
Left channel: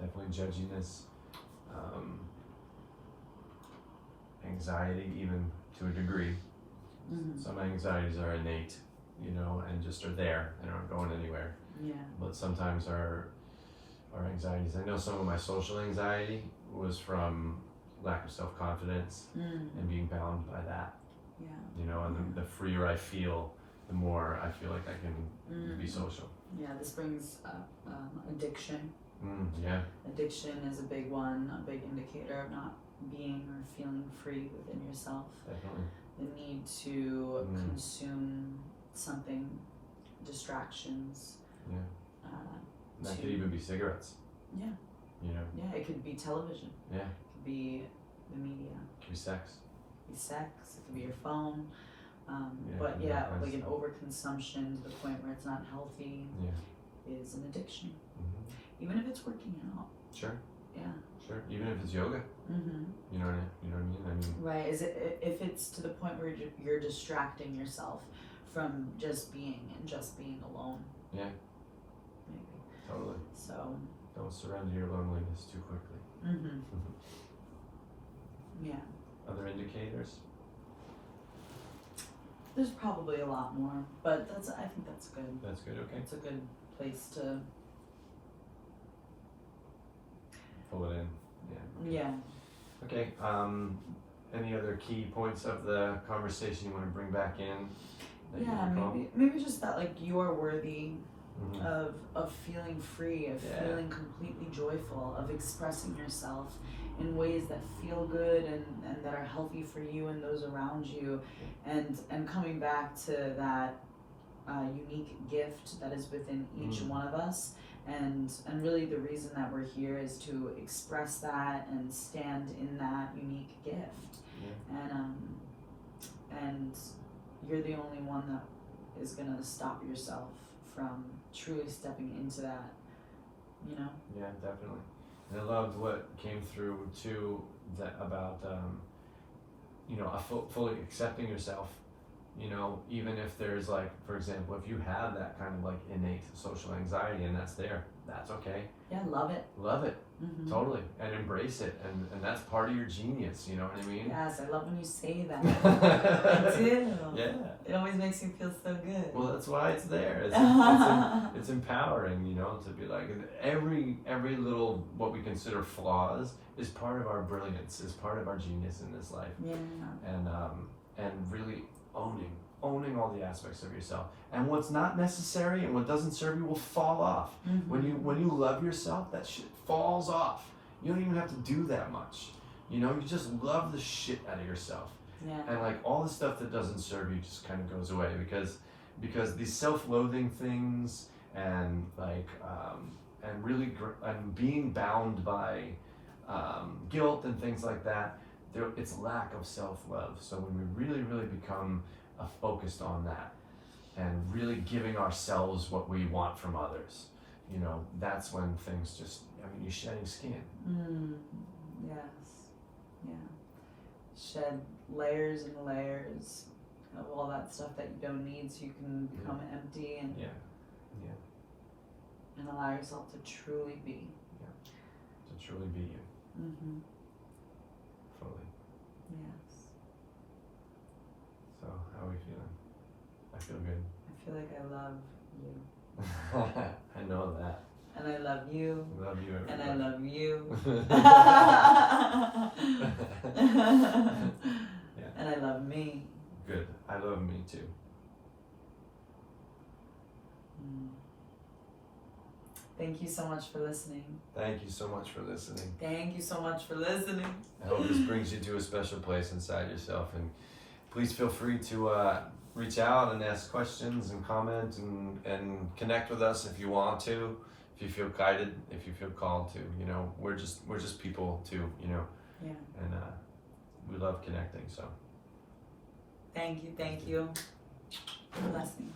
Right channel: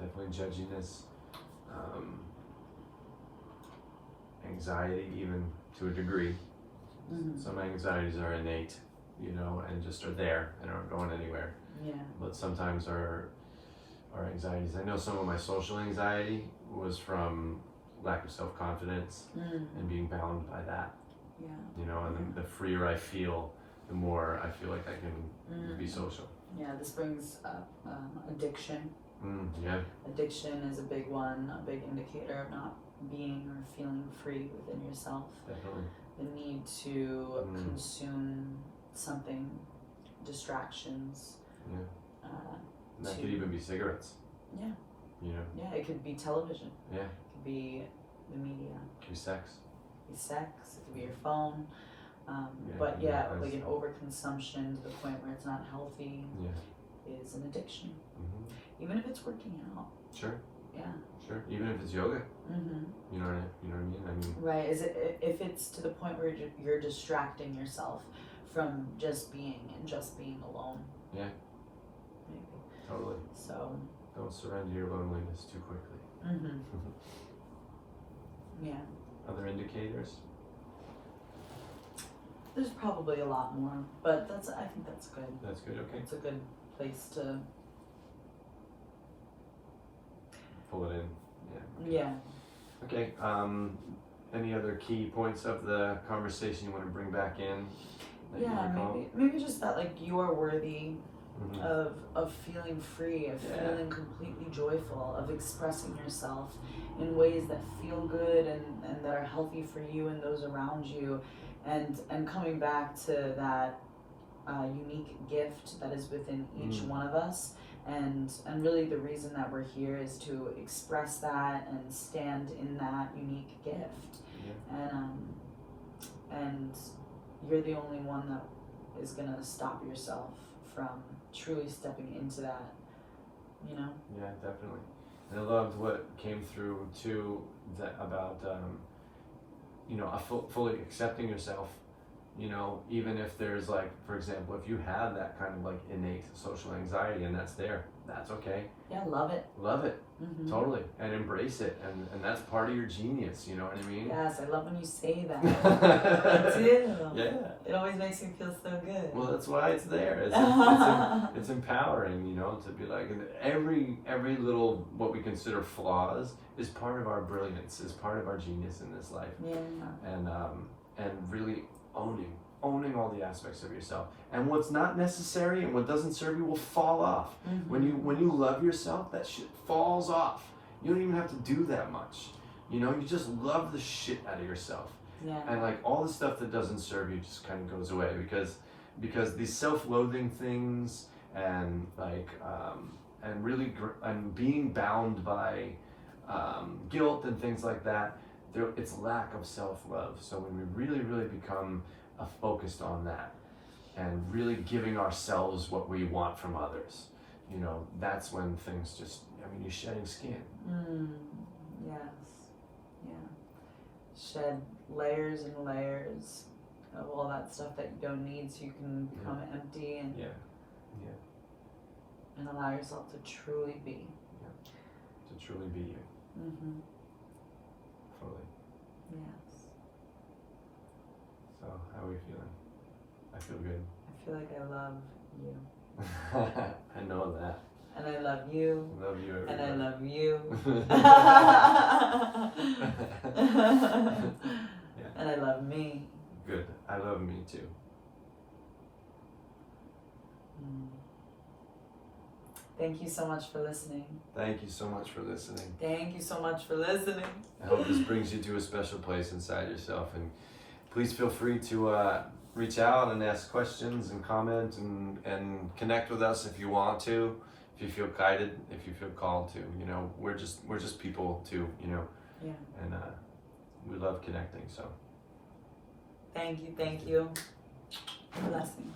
Definitely judginess, anxiety, even to a degree. Mm-hmm. Some anxieties are innate, and just are there and aren't going anywhere. Yeah. But sometimes our anxieties, I know some of my social anxiety was from lack of self-confidence and being bound by that. Yeah. And the freer I feel, the more I feel like I can be social. Yeah, this brings up addiction. Yeah. Addiction is a big one, a big indicator of not being or feeling free within yourself. Definitely. The need to consume something, distractions. Yeah. And that could even be cigarettes. Yeah. Yeah, it could be television. Yeah. It could be the media. It could be sex. It could be sex. It could be your phone. Like an overconsumption to the point where it's not healthy is an addiction. Mm-hmm. Even if it's working out. Sure. Yeah. Sure. Even if it's yoga. Mm-hmm. You know what I mean? Right. Is it if it's to the point where you're distracting yourself from just being alone? Yeah. Maybe. Totally. So. Don't surrender your loneliness too quickly. Mm-hmm. Yeah. Other indicators? There's probably a lot more, but I think that's good. That's good. Okay. It's a good place to pull it in. Yeah. Yeah. Okay. Any other key points of the conversation you want to bring back in? Maybe just that, like, you are worthy Mm-hmm. of feeling free, of feeling completely joyful, of expressing yourself in ways that feel good and that are healthy for you and those around you, and coming back to that unique gift that is within each one of us, and really the reason that we're here is to express that and stand in that unique gift. And you're the only one that is gonna stop yourself from truly stepping into that, Yeah, definitely. And I loved what came through too, about fully accepting yourself. Even if there's, like, for example, if you have that kind of like innate social anxiety and that's there, that's okay. Yeah, love it. Love it. Mm-hmm. Totally. And embrace it. And that's part of your genius, you know what I mean? Yes, I love when you say that. Me too. Yeah. It always makes me feel so good. Well, that's why it's there. It's empowering, to be like, every little, what we consider flaws is part of our brilliance, is part of our genius in this life. Yeah. And really owning all the aspects of yourself. And what's not necessary and what doesn't serve you will fall off. Mm-hmm. When you love yourself, that shit falls off. You don't even have to do that much. You just love the shit out of yourself. Yeah. And like all the stuff that doesn't serve you just kind of goes away because these self-loathing things and like and really and being bound by guilt and things like that, it's lack of self-love. So when we really, really become focused on that and really giving ourselves what we want from others, that's when things just, you're shedding skin. Yes. Yeah. Shed layers and layers of all that stuff that you don't need, so you can become empty and and allow yourself to truly be. To truly be you. Mm-hmm. Fully. Yes. So how are we feeling? I feel good. I feel like I love you. I know that. And I love you. Love you, everybody. And I love you. And I love me. Good. I love me too. Thank you so much for listening. Thank you so much for listening. Thank you so much for listening. I hope this brings you to a special place inside yourself. And please feel free to reach out and ask questions and comment and connect with us if you want to. If you feel guided, if you feel called to, you know, we're just people too, you know. Yeah. And we love connecting. So. Thank you. Blessings.